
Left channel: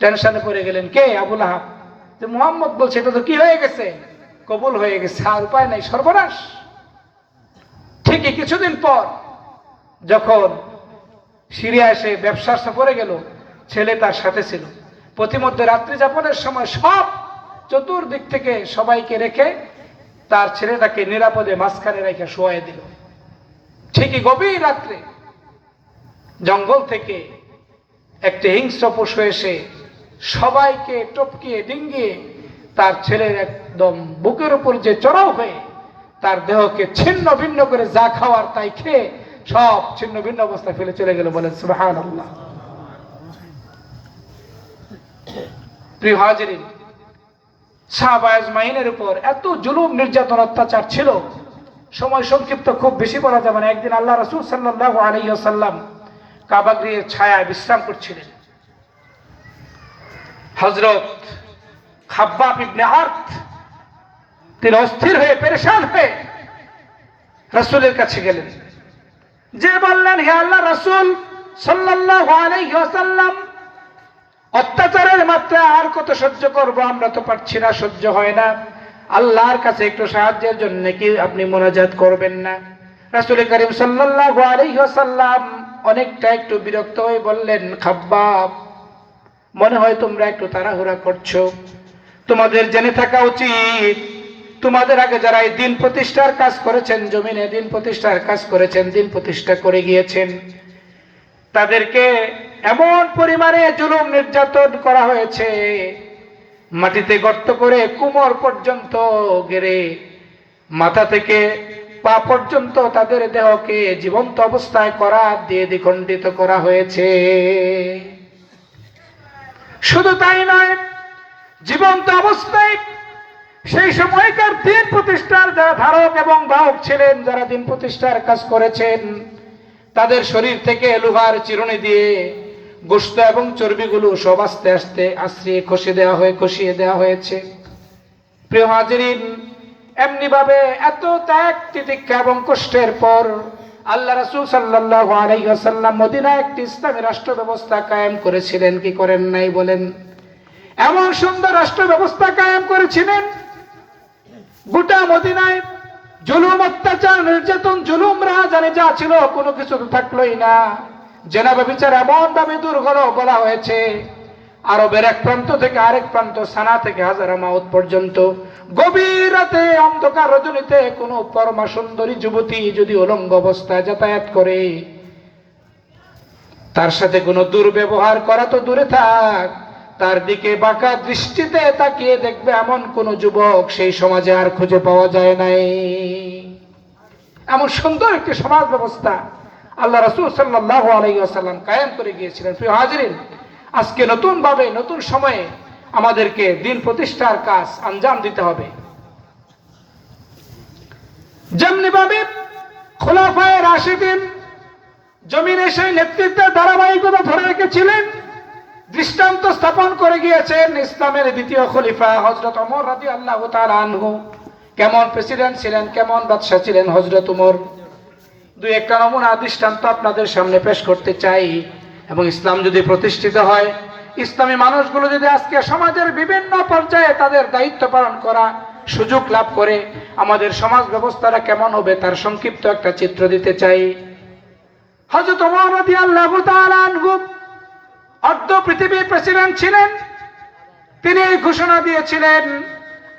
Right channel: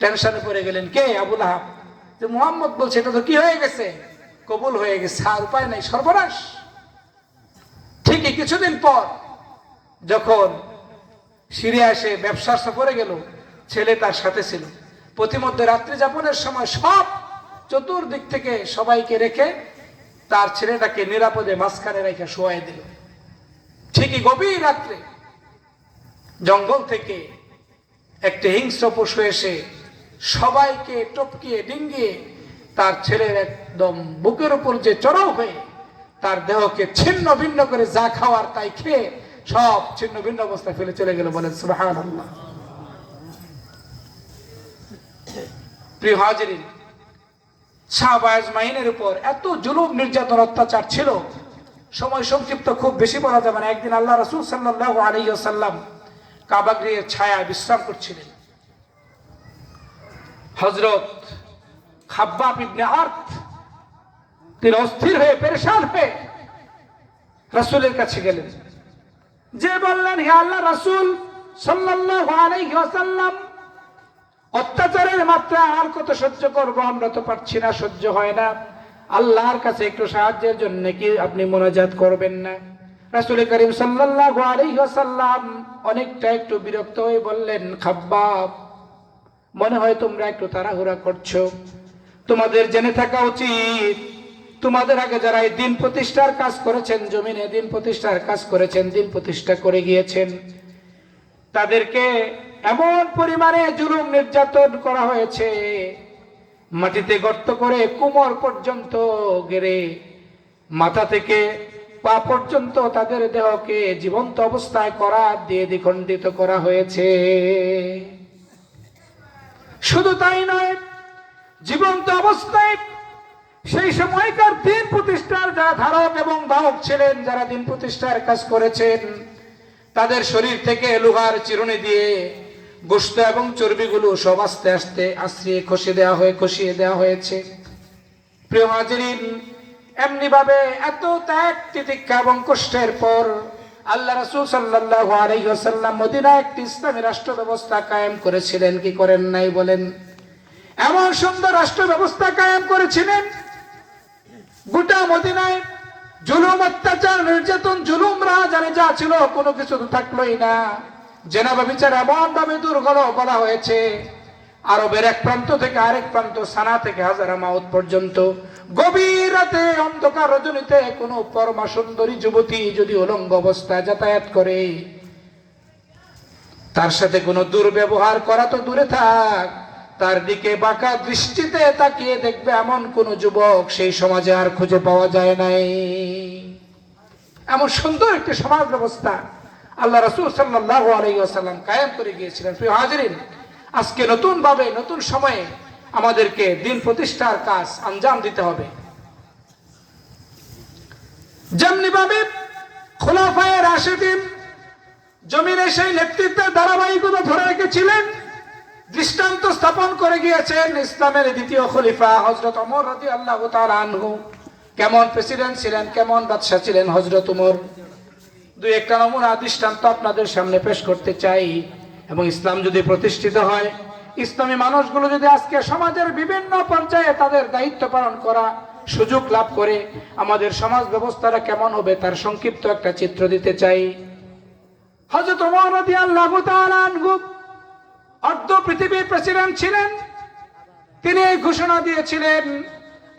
টেনশনে পড়ে গেলেন কে? আবু লাহাব। যে মুহাম্মদ বলছে, এটা তো কি হয়ে গেছে, কবুল হয়ে গেছে, আর উপায় নাই, সর্বনাশ। ঠিকই কিছুদিন পর যখন সিরিয়া এসে ব্যবসার সফরে গেল, ছেলে তার সাথে ছিল। প্রতিমধ্যে রাত্রি যাপনের সময় সব চতুর্দিক থেকে সবাইকে রেখে তার ছেলেটাকে নিরাপদে মাঝখানে রেখে শোয়াই দিল। ঠিকই গভীর রাত্রে জঙ্গল থেকে একটি হিংস্র পশু এসে সবাইকে টপকিয়ে ডিঙ্গিয়ে তার ছেলের একদম বুকের উপর যে চড়াও হয়ে তার দেহকে ছিন্ন ভিন্ন করে যা খাওয়ার তাই খেয়ে সব ছিন্ন ভিন্ন অবস্থায় ফেলে চলে গেল। বলেন সুবহানাল্লাহ। প্রিয় হাজিরিন, সাহাবা আজমাইনের উপর এত জুলুম নির্যাতন অত্যাচার ছিল, সময় সংক্ষিপ্ত, খুব বেশি বলা যাবে না। একদিন আল্লাহ রাসূল সাল্লাল্লাহু আলাইহি ওয়াসাল্লাম কাবা গৃহের ছায়ায় বিশ্রাম করছিলেন। হযরত খাব্বাব ইবনে আরত তিনি অস্থির হয়ে পেরেশান হয়ে রাসূলের কাছে গেলেন, যে বললেন, হে আল্লাহ রাসূল সাল্লাল্লাহু আলাইহি ওয়াসাল্লাম, অত্যাচারের মাত্রা আর কত সহ্য করব, আমরা তো পারছি না, সহ্য হয় না, আল্লাহর কাছে একটু সাহায্যের জন্য কি আপনি মুনাজাত করবেন না? রাসূল করিম সাল্লাল্লাহু আলাইহি ওয়াসাল্লাম অনেকটা একটু বিরক্ত হয়ে বললেন, খাব্বাব, মনে হয় তোমরা একটু তাড়াহুড়া করছো। তোমাদের জেনে থাকা উচিত, তোমাদের আগে যারা এই দিন প্রতিষ্ঠার কাজ করেছেন, জমিনে দিন প্রতিষ্ঠার কাজ করেছেন, দিন প্রতিষ্ঠা করে গিয়েছেন, তাদেরকে এমন পরিমাণে জুলুম নির্যাতন করা হয়েছে, মাটিতে গর্ত করে কোমর পর্যন্ত গেড়ে মাথা থেকে পা পর্যন্ত তাদের দেহকে জীবন্ত অবস্থায় করাত দিয়ে দ্বিখণ্ডিত করা হয়েছে। শুধু তাই নয়, জীবন্ত অবস্থায় সেই সময়কার দিন প্রতিষ্ঠার যারা ধারক এবং বাহক ছিলেন, যারা দিন প্রতিষ্ঠার কাজ করেছেন, তাদের শরীর থেকে লোহার চিরুনি দিয়ে গোশত এবং চর্বিগুলো সব আস্তে আস্তে আশ্রিয়ে খসিয়ে দেওয়া হয়েছে। প্রিয় হাজিরিন, এমনি ভাবে এত ত্যাগ তিতিক্ষা এবং কষ্টের পর আল্লাহ রাসূল সাল্লাল্লাহু আলাইহি ওয়াসাল্লাম মদিনায় একটি ইসলামী রাষ্ট্র ব্যবস্থা কায়েম করেছিলেন, কি করেন নাই বলেন? এমন সুন্দর রাষ্ট্র ব্যবস্থা কায়েম করেছিলেন, গোটা মদিনায় জুলুম অত্যাচার নির্যাতন জুলুম রাহাজানি যা ছিল কোনো কিছু থাকলোই না। জেনা ব্যভিচার এমন ভাবে দূর হলো, বলা হয়েছে আরবের এক প্রান্ত থেকে আরেক প্রান্ত, সানা থেকে হাজারা মাউত পর্যন্ত, গভীর রাতে অন্ধকার রজনীতে কোনো পরমা সুন্দরী যুবতী যদি উলঙ্গ অবস্থায় যাতায়াত করে, তার সাথে কোনো দুর্ব্যবহার করা তো দূরে থাক, তার দিকে বাঁকা দৃষ্টিতে তাকিয়ে দেখবে এমন কোন যুবক সেই সমাজে আর খুঁজে পাওয়া যায় নাই। এমন সুন্দর একটি সমাজ ব্যবস্থা আল্লাহ রাসূল সাল্লাল্লাহু আলাইহি ওয়াসাল্লাম কায়েম করে গিয়েছিলেন। প্রিয় হাজিরিন, আজকে নতুন ভাবে নতুন সময়ে আমাদেরকে দিন প্রতিষ্ঠার কাজ আঞ্জাম দিতে হবে। যেমনি ভাবে খোলাফায়ে রাশিদিন জমিনে সেই নেতৃত্বের ধারাবাহিকতা ধরে রেখেছিলেন, দৃষ্টান্ত স্থাপন করে গিয়েছেন ইসলামের দ্বিতীয় খলিফা হযরত ওমর রাদিয়াল্লাহু তাআলা আনহু। কেমন প্রেসিডেন্ট ছিলেন, কেমন বাদশা ছিলেন হযরত ওমর। দুই একটা নমুনা দৃষ্টান্ত আপনাদের সামনে পেশ করতে চাই। এবং ইসলাম যদি প্রতিষ্ঠিত হয়, ইসলামী মানুষগুলো যদি আজকে সমাজের বিভিন্ন পর্যায়ে তাদের দায়িত্ব পালন করা সুযোগ লাভ করে, আমাদের সমাজ ব্যবস্থাটা কেমন হবে তার সংক্ষিপ্ত একটা চিত্র দিতে চাই। হযরত ওমর রাদিয়াল্লাহু তাআলা আনহু অর্ধ পৃথিবীর প্রেসিডেন্ট ছিলেন। তিনি এই ঘোষণা দিয়েছিলেন,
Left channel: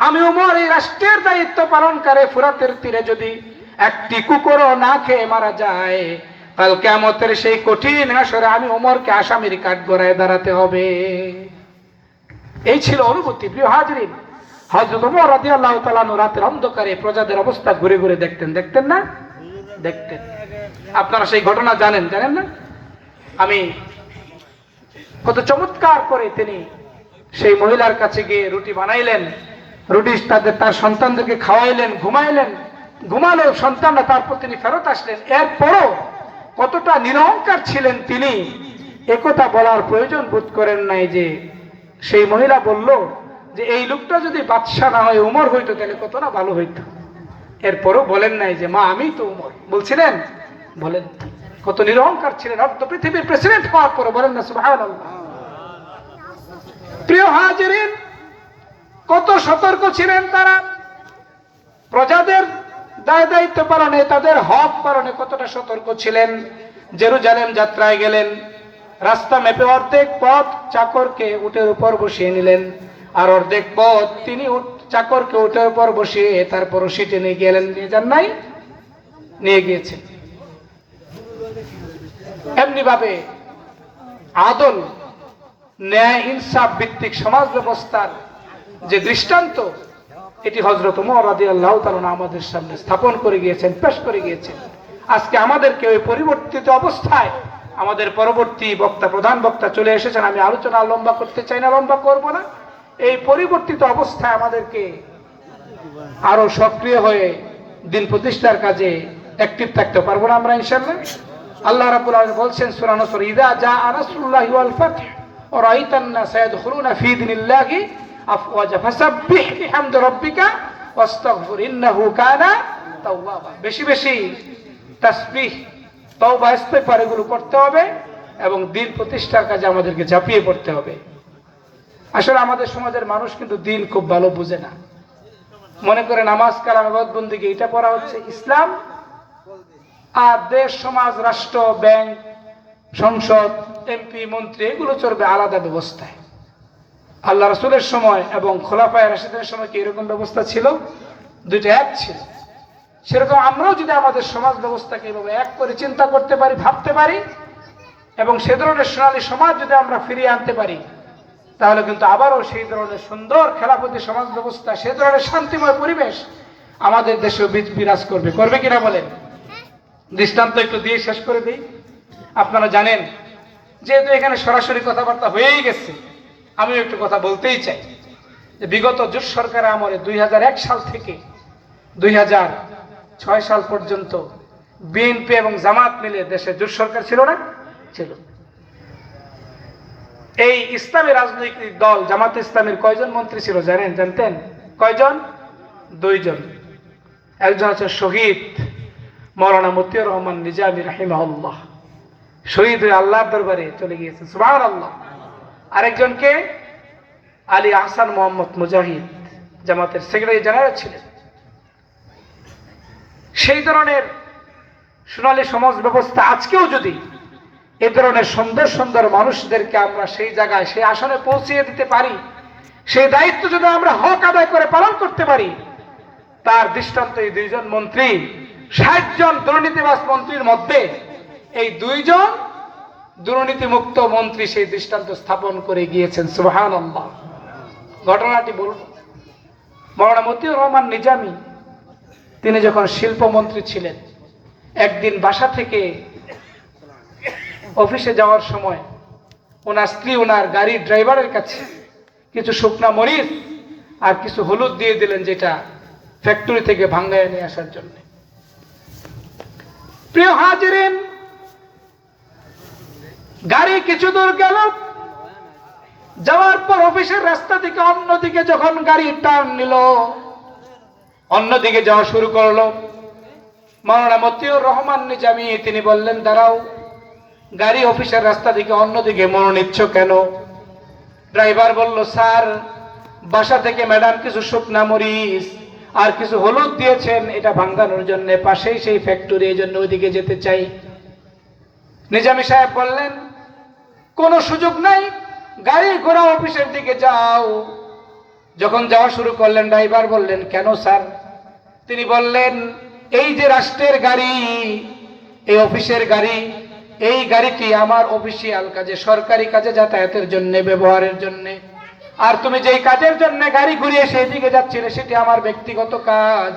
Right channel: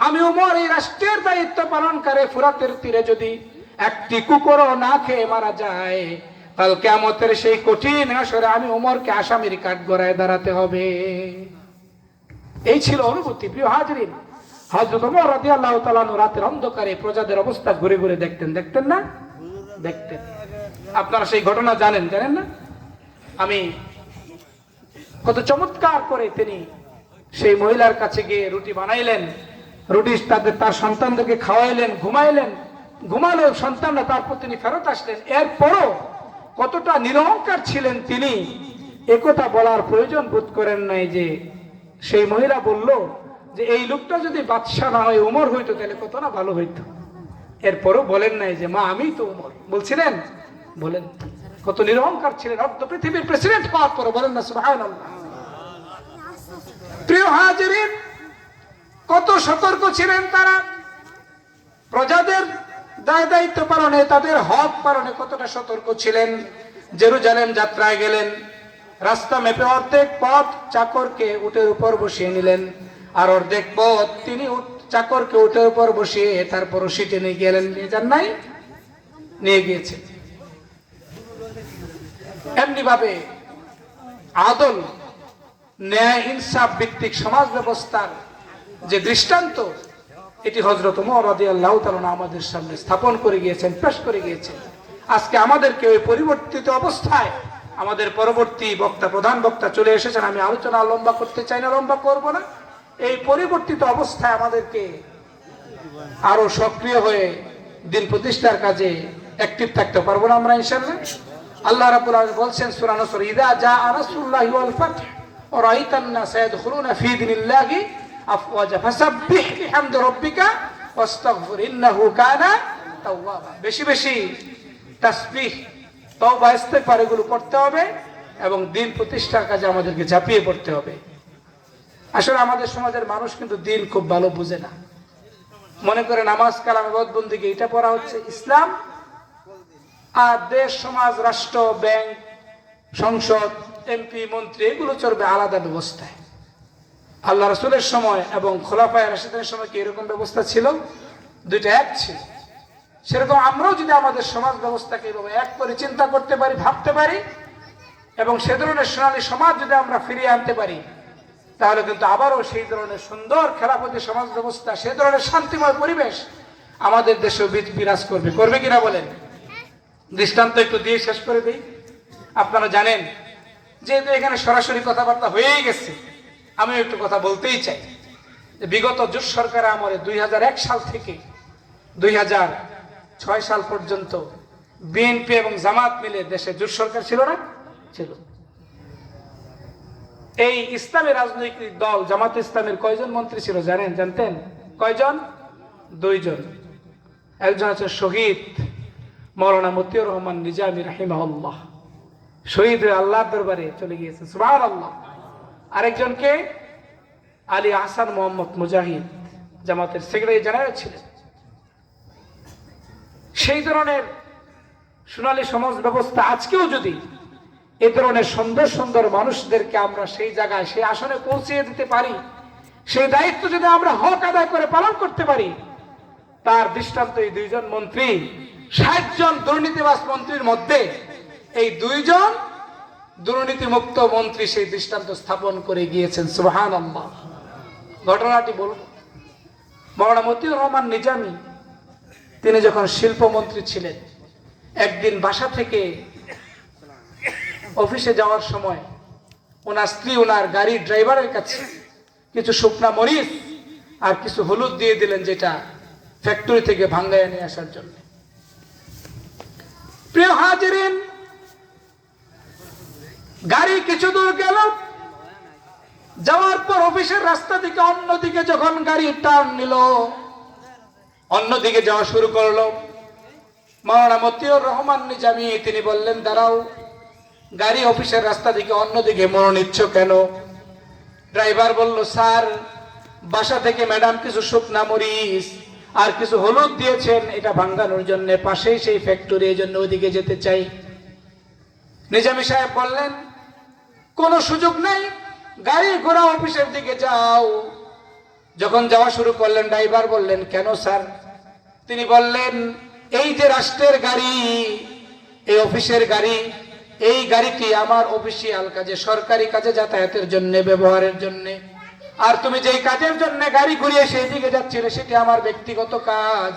আমি ওমর এই রাষ্ট্রের দায়িত্ব পালনকারী ফুরাতের তীরে যদি একটি কুকুরও না খেয়ে মারা যায়, কাল কিয়ামতের সেই কঠিন হাসরে আমি ওমরকে আসামির কাঠগড়ায় দাঁড়াতে হবে। এই ছিল অনুভূতি। প্রিয় হাজিরিন, হযরত ওমর রাদিয়াল্লাহু তাআলা রাতের অন্ধকারে প্রজাদের অবস্থা ঘুরে ঘুরে দেখতেন। দেখতেন না? দেখতেন। আপনারা সেই ঘটনা জানেন না? আমি কত চমৎকার করে তিনি সেই মহিলার কাছে গিয়ে রুটি বানাইলেন, রুটি তার সন্তানদেরকে খাওয়াইলেন, ঘুমালো সন্তানরা, তারপর তিনি ফেরত আসলেন। এরপরও কতটা নিরহংকার ছিলেন তিনি, একথা বলার প্রয়োজন বোধ করেন নাই যে সেই মহিলা বলল যে এই লোকটা যদি বাদশা না হয় ওমর হইতো তাহলে কত না ভালো হইতো। এরপরও বলেন নাই যে মা আমি তো ওমর। বলছিলেন? বলেন। কত নিরহংকার ছিলেন, অর্ধ পৃথিবীর প্রেসিডেন্ট হওয়ার পরে। বলেন না সুবহানাল্লাহ। প্রিয় হাজিরিন, কত সতর্ক ছিলেন তারা প্রজাদের দায় দায়িত্ব পালনে, তাদের হক পালনে কতটা সতর্ক ছিলেন। জেরুজালেম যাত্রায় গেলেন, রাস্তা মেপে অর্ধেক পথ চাকরকে উটের উপর বসিয়ে নিলেন, আর অর্ধেক পথ তিনি চাকরকে উটের উপর বসিয়ে তারপর সিটে নিয়ে গেলেন। নিয়ে যান নাই? নিয়ে গিয়েছেন। এমনি ভাবে আদল, ন্যায়, ইনসাফ ভিত্তিক সমাজ ব্যবস্থার যে দৃষ্টান্ত, এটি হযরত ওমর রাদিয়াল্লাহু তাআলা আমাদের সামনে স্থাপন করে গিয়েছেন, পেশ করে গিয়েছেন। আজকে আমাদেরকে ওই পরিবর্তিত অবস্থায়, আমাদের পরবর্তী বক্তা, প্রধান বক্তা চলে এসেছেন, আমি আলোচনা লম্বা করতে চাই না, লম্বা করব না। এই পরিবর্তিত অবস্থায় আমাদেরকে আরো সক্রিয় হয়ে দিন প্রতিষ্ঠার কাজে অ্যাক্টিভ থাকতে পারবো না আমরা ইনশাআল্লাহ। আল্লাহ রাব্বুল আলামিন বলছেন সূরা নসর, ইযা জাআ রাসূলুল্লাহি ওয়াল ফাতহ ওয়া রাআইতান নাসা ইয়াদখুলুনা ফী দীনিল্লাহি আফওয়াজা ফাসাব্বিহ বিহামদি রাব্বিকা ওয়াস্তাগফির ইন্নাহু কানা তাওয়াবা। বেশি বেশি তাসবিহ, তওবা, ইস্তিগফার এগুলো করতে হবে এবং দিন প্রতিষ্ঠার কাজে আমাদেরকে ঝাঁপিয়ে পড়তে হবে। আসলে আমাদের সমাজের মানুষ কিন্তু দিন খুব ভালো বুঝে না। মনে করে নামাজ, কালাম, ইবাদত, বন্দেগী এটা পড়া হচ্ছে ইসলাম, আর দেশ, সমাজ, রাষ্ট্র, ব্যাংক, সংসদ, এমপি, মন্ত্রী এগুলো চলবে আলাদা ব্যবস্থায়। আল্লাহ রাসূলের সময় এবং খোলাফায়ে রাশিদিনের সময় কি এরকম ব্যবস্থা ছিল? দুইটা এক ছিল। সেরকম আমরাও যদি আমাদের সমাজ ব্যবস্থাকে এভাবে এক করে চিন্তা করতে পারি, ভাবতে পারি, এবং সে ধরনের সোনালী সমাজ যদি আমরা ফিরিয়ে আনতে পারি, তাহলে কিন্তু আবারও সেই ধরনের সুন্দর খেলাফতি সমাজ ব্যবস্থা, সেই ধরনের শান্তিময় পরিবেশ আমাদের দেশেও বিরাজ করবে। করবে কিনা বলেন? দৃষ্টান্ত একটু দিয়ে শেষ করে দিই। আপনারা জানেন, যেহেতু এখানে সরাসরি কথাবার্তা হয়েই গেছে, আমি একটু কথা বলতেই চাই যে বিগত জোট সরকার আমলে 2001 সাল থেকে 2006 সাল পর্যন্ত বিএনপি এবং জামাত মিলে দেশে জোট সরকার ছিল না? ছিল। এই ইসলামী রাজনৈতিক দল জামাত ইসলামীর কয়জন মন্ত্রী ছিল জানতেন? কয়জন? 2 জন। একজন আছে শহীদ মাওলানা মতিউর রহমান নিজামী রাহিমাহুল্লাহ, শহীদ হয়ে আল্লাহর দরবারে চলে গিয়েছেন, সুবহানাল্লাহ। আরেকজনকে আলী আহসান মোহাম্মদ মুজাহিদ, জামাতের সেক্রেটারি জেনারেল ছিলেন। সেই ধরনের সোনালী সমাজ ব্যবস্থা আজকেও যদি এ ধরনের সুন্দর সুন্দর মানুষদেরকে আমরা সেই জায়গায় সেই আসনে পৌঁছিয়ে দিতে পারি, সেই দায়িত্ব যদি আমরা হক আদায় করে পালন করতে পারি, তার দৃষ্টান্ত এই দুইজন মন্ত্রী, ৬০ জন দুর্নীতিবাজ মন্ত্রীর মধ্যে এই দুইজন দুর্নীতিমুক্ত মন্ত্রী সেই দৃষ্টান্ত স্থাপন করে গিয়েছেন। সুবহানাল্লাহ। ঘটনাটি বলব, মাওলানা মতিউর রহমান নিজামী তিনি যখন শিল্পমন্ত্রী ছিলেন, একদিন বাসা থেকে অফিসে যাওয়ার সময় ওনার স্ত্রী ওনার গাড়ির ড্রাইভারের কাছে কিছু শুকনা মরিচ আর কিছু হলুদ দিয়ে দিলেন, যেটা ফ্যাক্টরি থেকে ভাঙ্গায় নিয়ে আসার জন্য। প্রিয় হাজিরিন, গাড়ি কিছু দূর গেল, যাওয়ার পর অফিসের রাস্তা থেকে অন্যদিকে যখন গাড়ি টার্ন নিল, অন্যদিকে যাওয়া শুরু করলো, মাওলানা মতিউর রহমান নিজামী তিনি বললেন, দাঁড়াও, গাড়ি অফিসের রাস্তা থেকে অন্যদিকে মোড় নিচ্ছ কেন? ড্রাইভার বলল, স্যার, বাসা থেকে ম্যাডাম কিছু শুকনা মরিচ আর কিছু হলুদ দিয়েছেন, এটা ভাঙানোর জন্য, পাশেই সেই ফ্যাক্টরি, এই জন্য ওইদিকে যেতে চাই। নিজামী সাহেব বললেন, কোনো সুযোগ নাই, গাড়ি ঘোড়া অফিসের দিকে যাও। যখন যাওয়া শুরু করলেন, ড্রাইভার বললেন, কেন স্যার? তিনি বললেন, এই যে রাষ্ট্রের গাড়ি, এই অফিসের গাড়ি, এই গাড়িটি আমার অফিসিয়াল কাজে, সরকারি কাজে যাতায়াতের জন্য, ব্যবহারের জন্য। আর তুমি যেই কাজের জন্য গাড়ি ঘুরিয়ে সেই দিকে যাচ্ছিলে, সেটি আমার ব্যক্তিগত কাজ।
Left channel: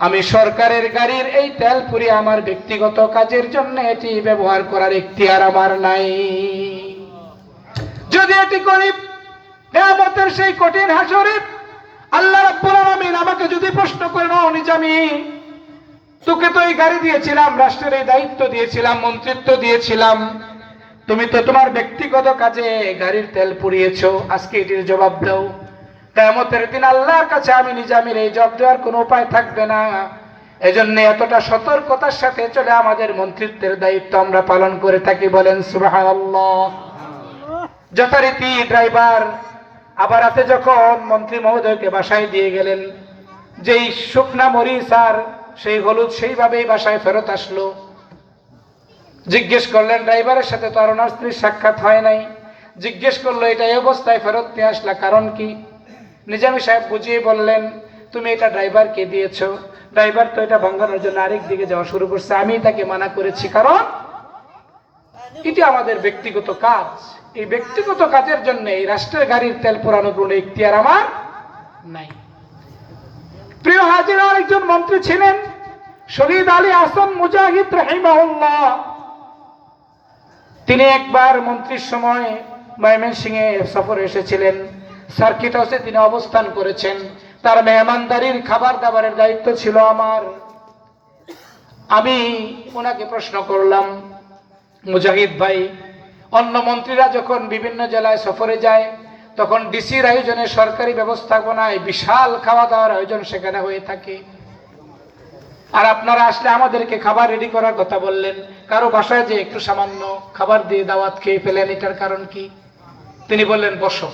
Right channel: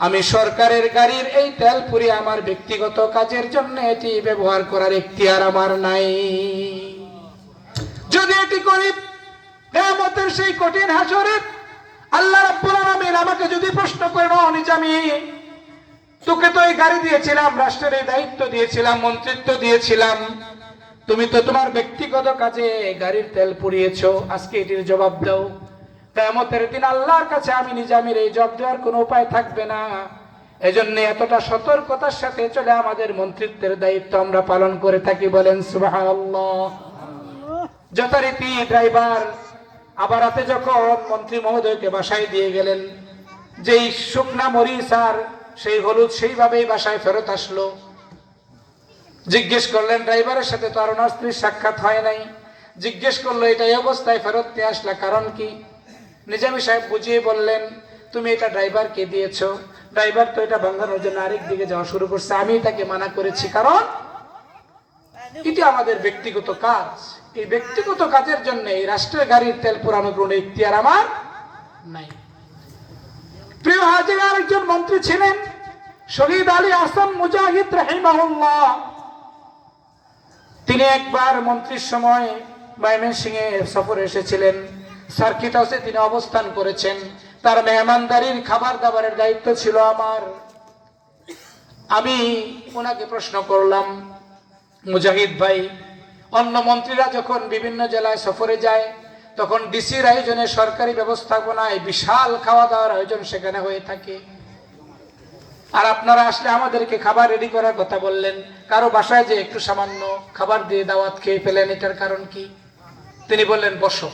আমি সরকারের গাড়ির এই তেল পুরি আমার ব্যক্তিগত কাজের জন্য এটি ব্যবহার করার ইখতিয়ার আমার নাই। যদি এটি করি, কিয়ামতের সেই কঠিন হাসরে আল্লাহ রাব্বুল আলামিন আমাকে যদি প্রশ্ন করে, নাও নিজামী, তোকে তো এই গাড়ি দিয়েছিলাম, রাষ্ট্রের এই দায়িত্ব দিয়েছিলাম, মন্ত্রিত্ব দিয়েছিলাম, তুমি তো তোমার ব্যক্তিগত কাজে গাড়ির তেল পুড়িয়েছো, আজকে এটির জবাব দাও। কিয়ামতের দিন আল্লাহর কাছে আমি নিজামীর এই জবাব দেওয়ার কোনো উপায় থাকবে না। এজন্য এতটা সতর্কতার সাথে চলে আমাদের মন্ত্রিত্বের দায়িত্ব আমরা পালন করে থাকি। বলেন সুবহানাল্লাহ। যথারীতি ড্রাইভার আবার রাতে যখন মন্ত্রী মহোদয়কে বাসায় দিয়ে গেলেন, যেই শুকনা মরিচ আর সেই হলুদ সেইভাবেই বাসায় ফেরত আসলো। জিজ্ঞেস করলেন ড্রাইভারের সাথে তো আর ওনার স্ত্রীর সাক্ষাৎ হয় নাই, জিজ্ঞেস করলো, এটা এই অবস্থায় ফেরত নিয়ে আসলা, কারণ কি? নিজামী সাহেব বুঝিয়ে বললেন, তুমি এটা ড্রাইভারকে দিয়েছো, ড্রাইভার তো এটা ভাঙানোর জন্য আরেক দিকে যাওয়া শুরু করছে, আমি তাকে মানা করেছি, কারণ এটি আমাদের ব্যক্তিগত কাজ। এই ব্যক্তিগত কাজের জন্য এই রাষ্ট্রের গাড়ির তেল পোড়ানোর কোনো ইখতিয়ার আমার নাই। প্রিয় হাজির, আরেকজন মন্ত্রী ছিলেন শহীদ আলী আহসান মুজাহিদ রাহিমাহুল্লাহ। তিনি একবার মন্ত্রীর সময় ময়মনসিংহে সফরে এসেছিলেন, সার্কিট হাউসে তিনি অবস্থান করেছেন। তার মেহমানদারির খাবার দাবারের দায়িত্ব ছিল আমার। আমি ওনাকে প্রশ্ন করলাম, মুজাহিদ ভাই, অন্য মন্ত্রীরা যখন বিভিন্ন জেলায় সফরে যায়, তখন ডিসির আয়োজনে, সরকারি ব্যবস্থাপনায় বিশাল খাওয়া দাওয়ার আয়োজন সেখানে হয়ে থাকে, আর আপনারা আসলে আমাদেরকে খাবার রেডি করার কথা বললেন, কারো বাসায় যে একটু সামান্য খাবার দিয়ে দাওয়াত খেয়ে ফেলেন, এটার কারণ কি? তিনি বললেন, বসো,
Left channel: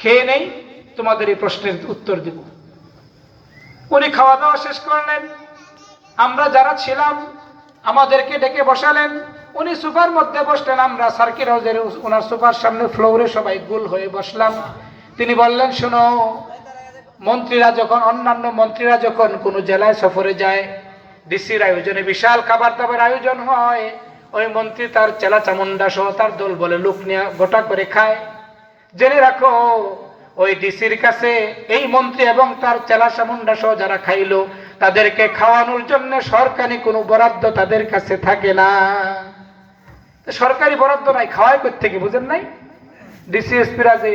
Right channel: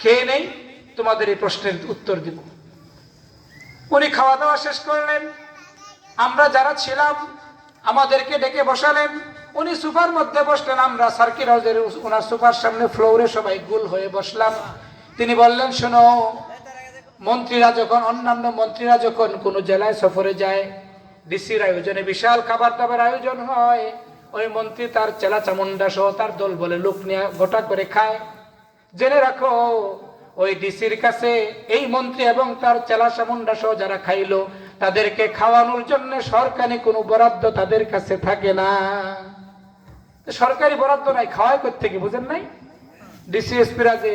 খেয়ে নেই, তোমাদের এই প্রশ্নের উত্তর দিব। উনি খাওয়া দাওয়া শেষ করলেন, আমরা যারা ছিলাম আমাদেরকে ডেকে বসালেন, উনি সোফার মধ্যে বসলেন, আমরা সার্কিট হাউসের ওনার সোফার সামনে ফ্লোরে সবাই গোল হয়ে বসলাম। তিনি বললেন, শোনো, অন্যান্য মন্ত্রীরা যখন কোনো জেলায় সফরে যায়, ডিসির আয়োজনে বিশাল খাবার দাবার আয়োজন হয়, ওই মন্ত্রী তার চেলা চামুন্ডা সহ তার দল বলে লোক নিয়ে গোটা করে খায়। জেনে রাখো, ওই ডিসির কাছে এই মন্ত্রী এবং তার চেলা চামুন্ডা সহ যারা খাইলো, তাদেরকে খাওয়ানোর জন্য সরকারি কোনো বরাদ্দ তাদের কাছে থাকে না। সরকারি বরাদ্দ নাই, খাওয়ায় কোত্থেকে বুঝেন নাই? ডিসি এসপিরা যে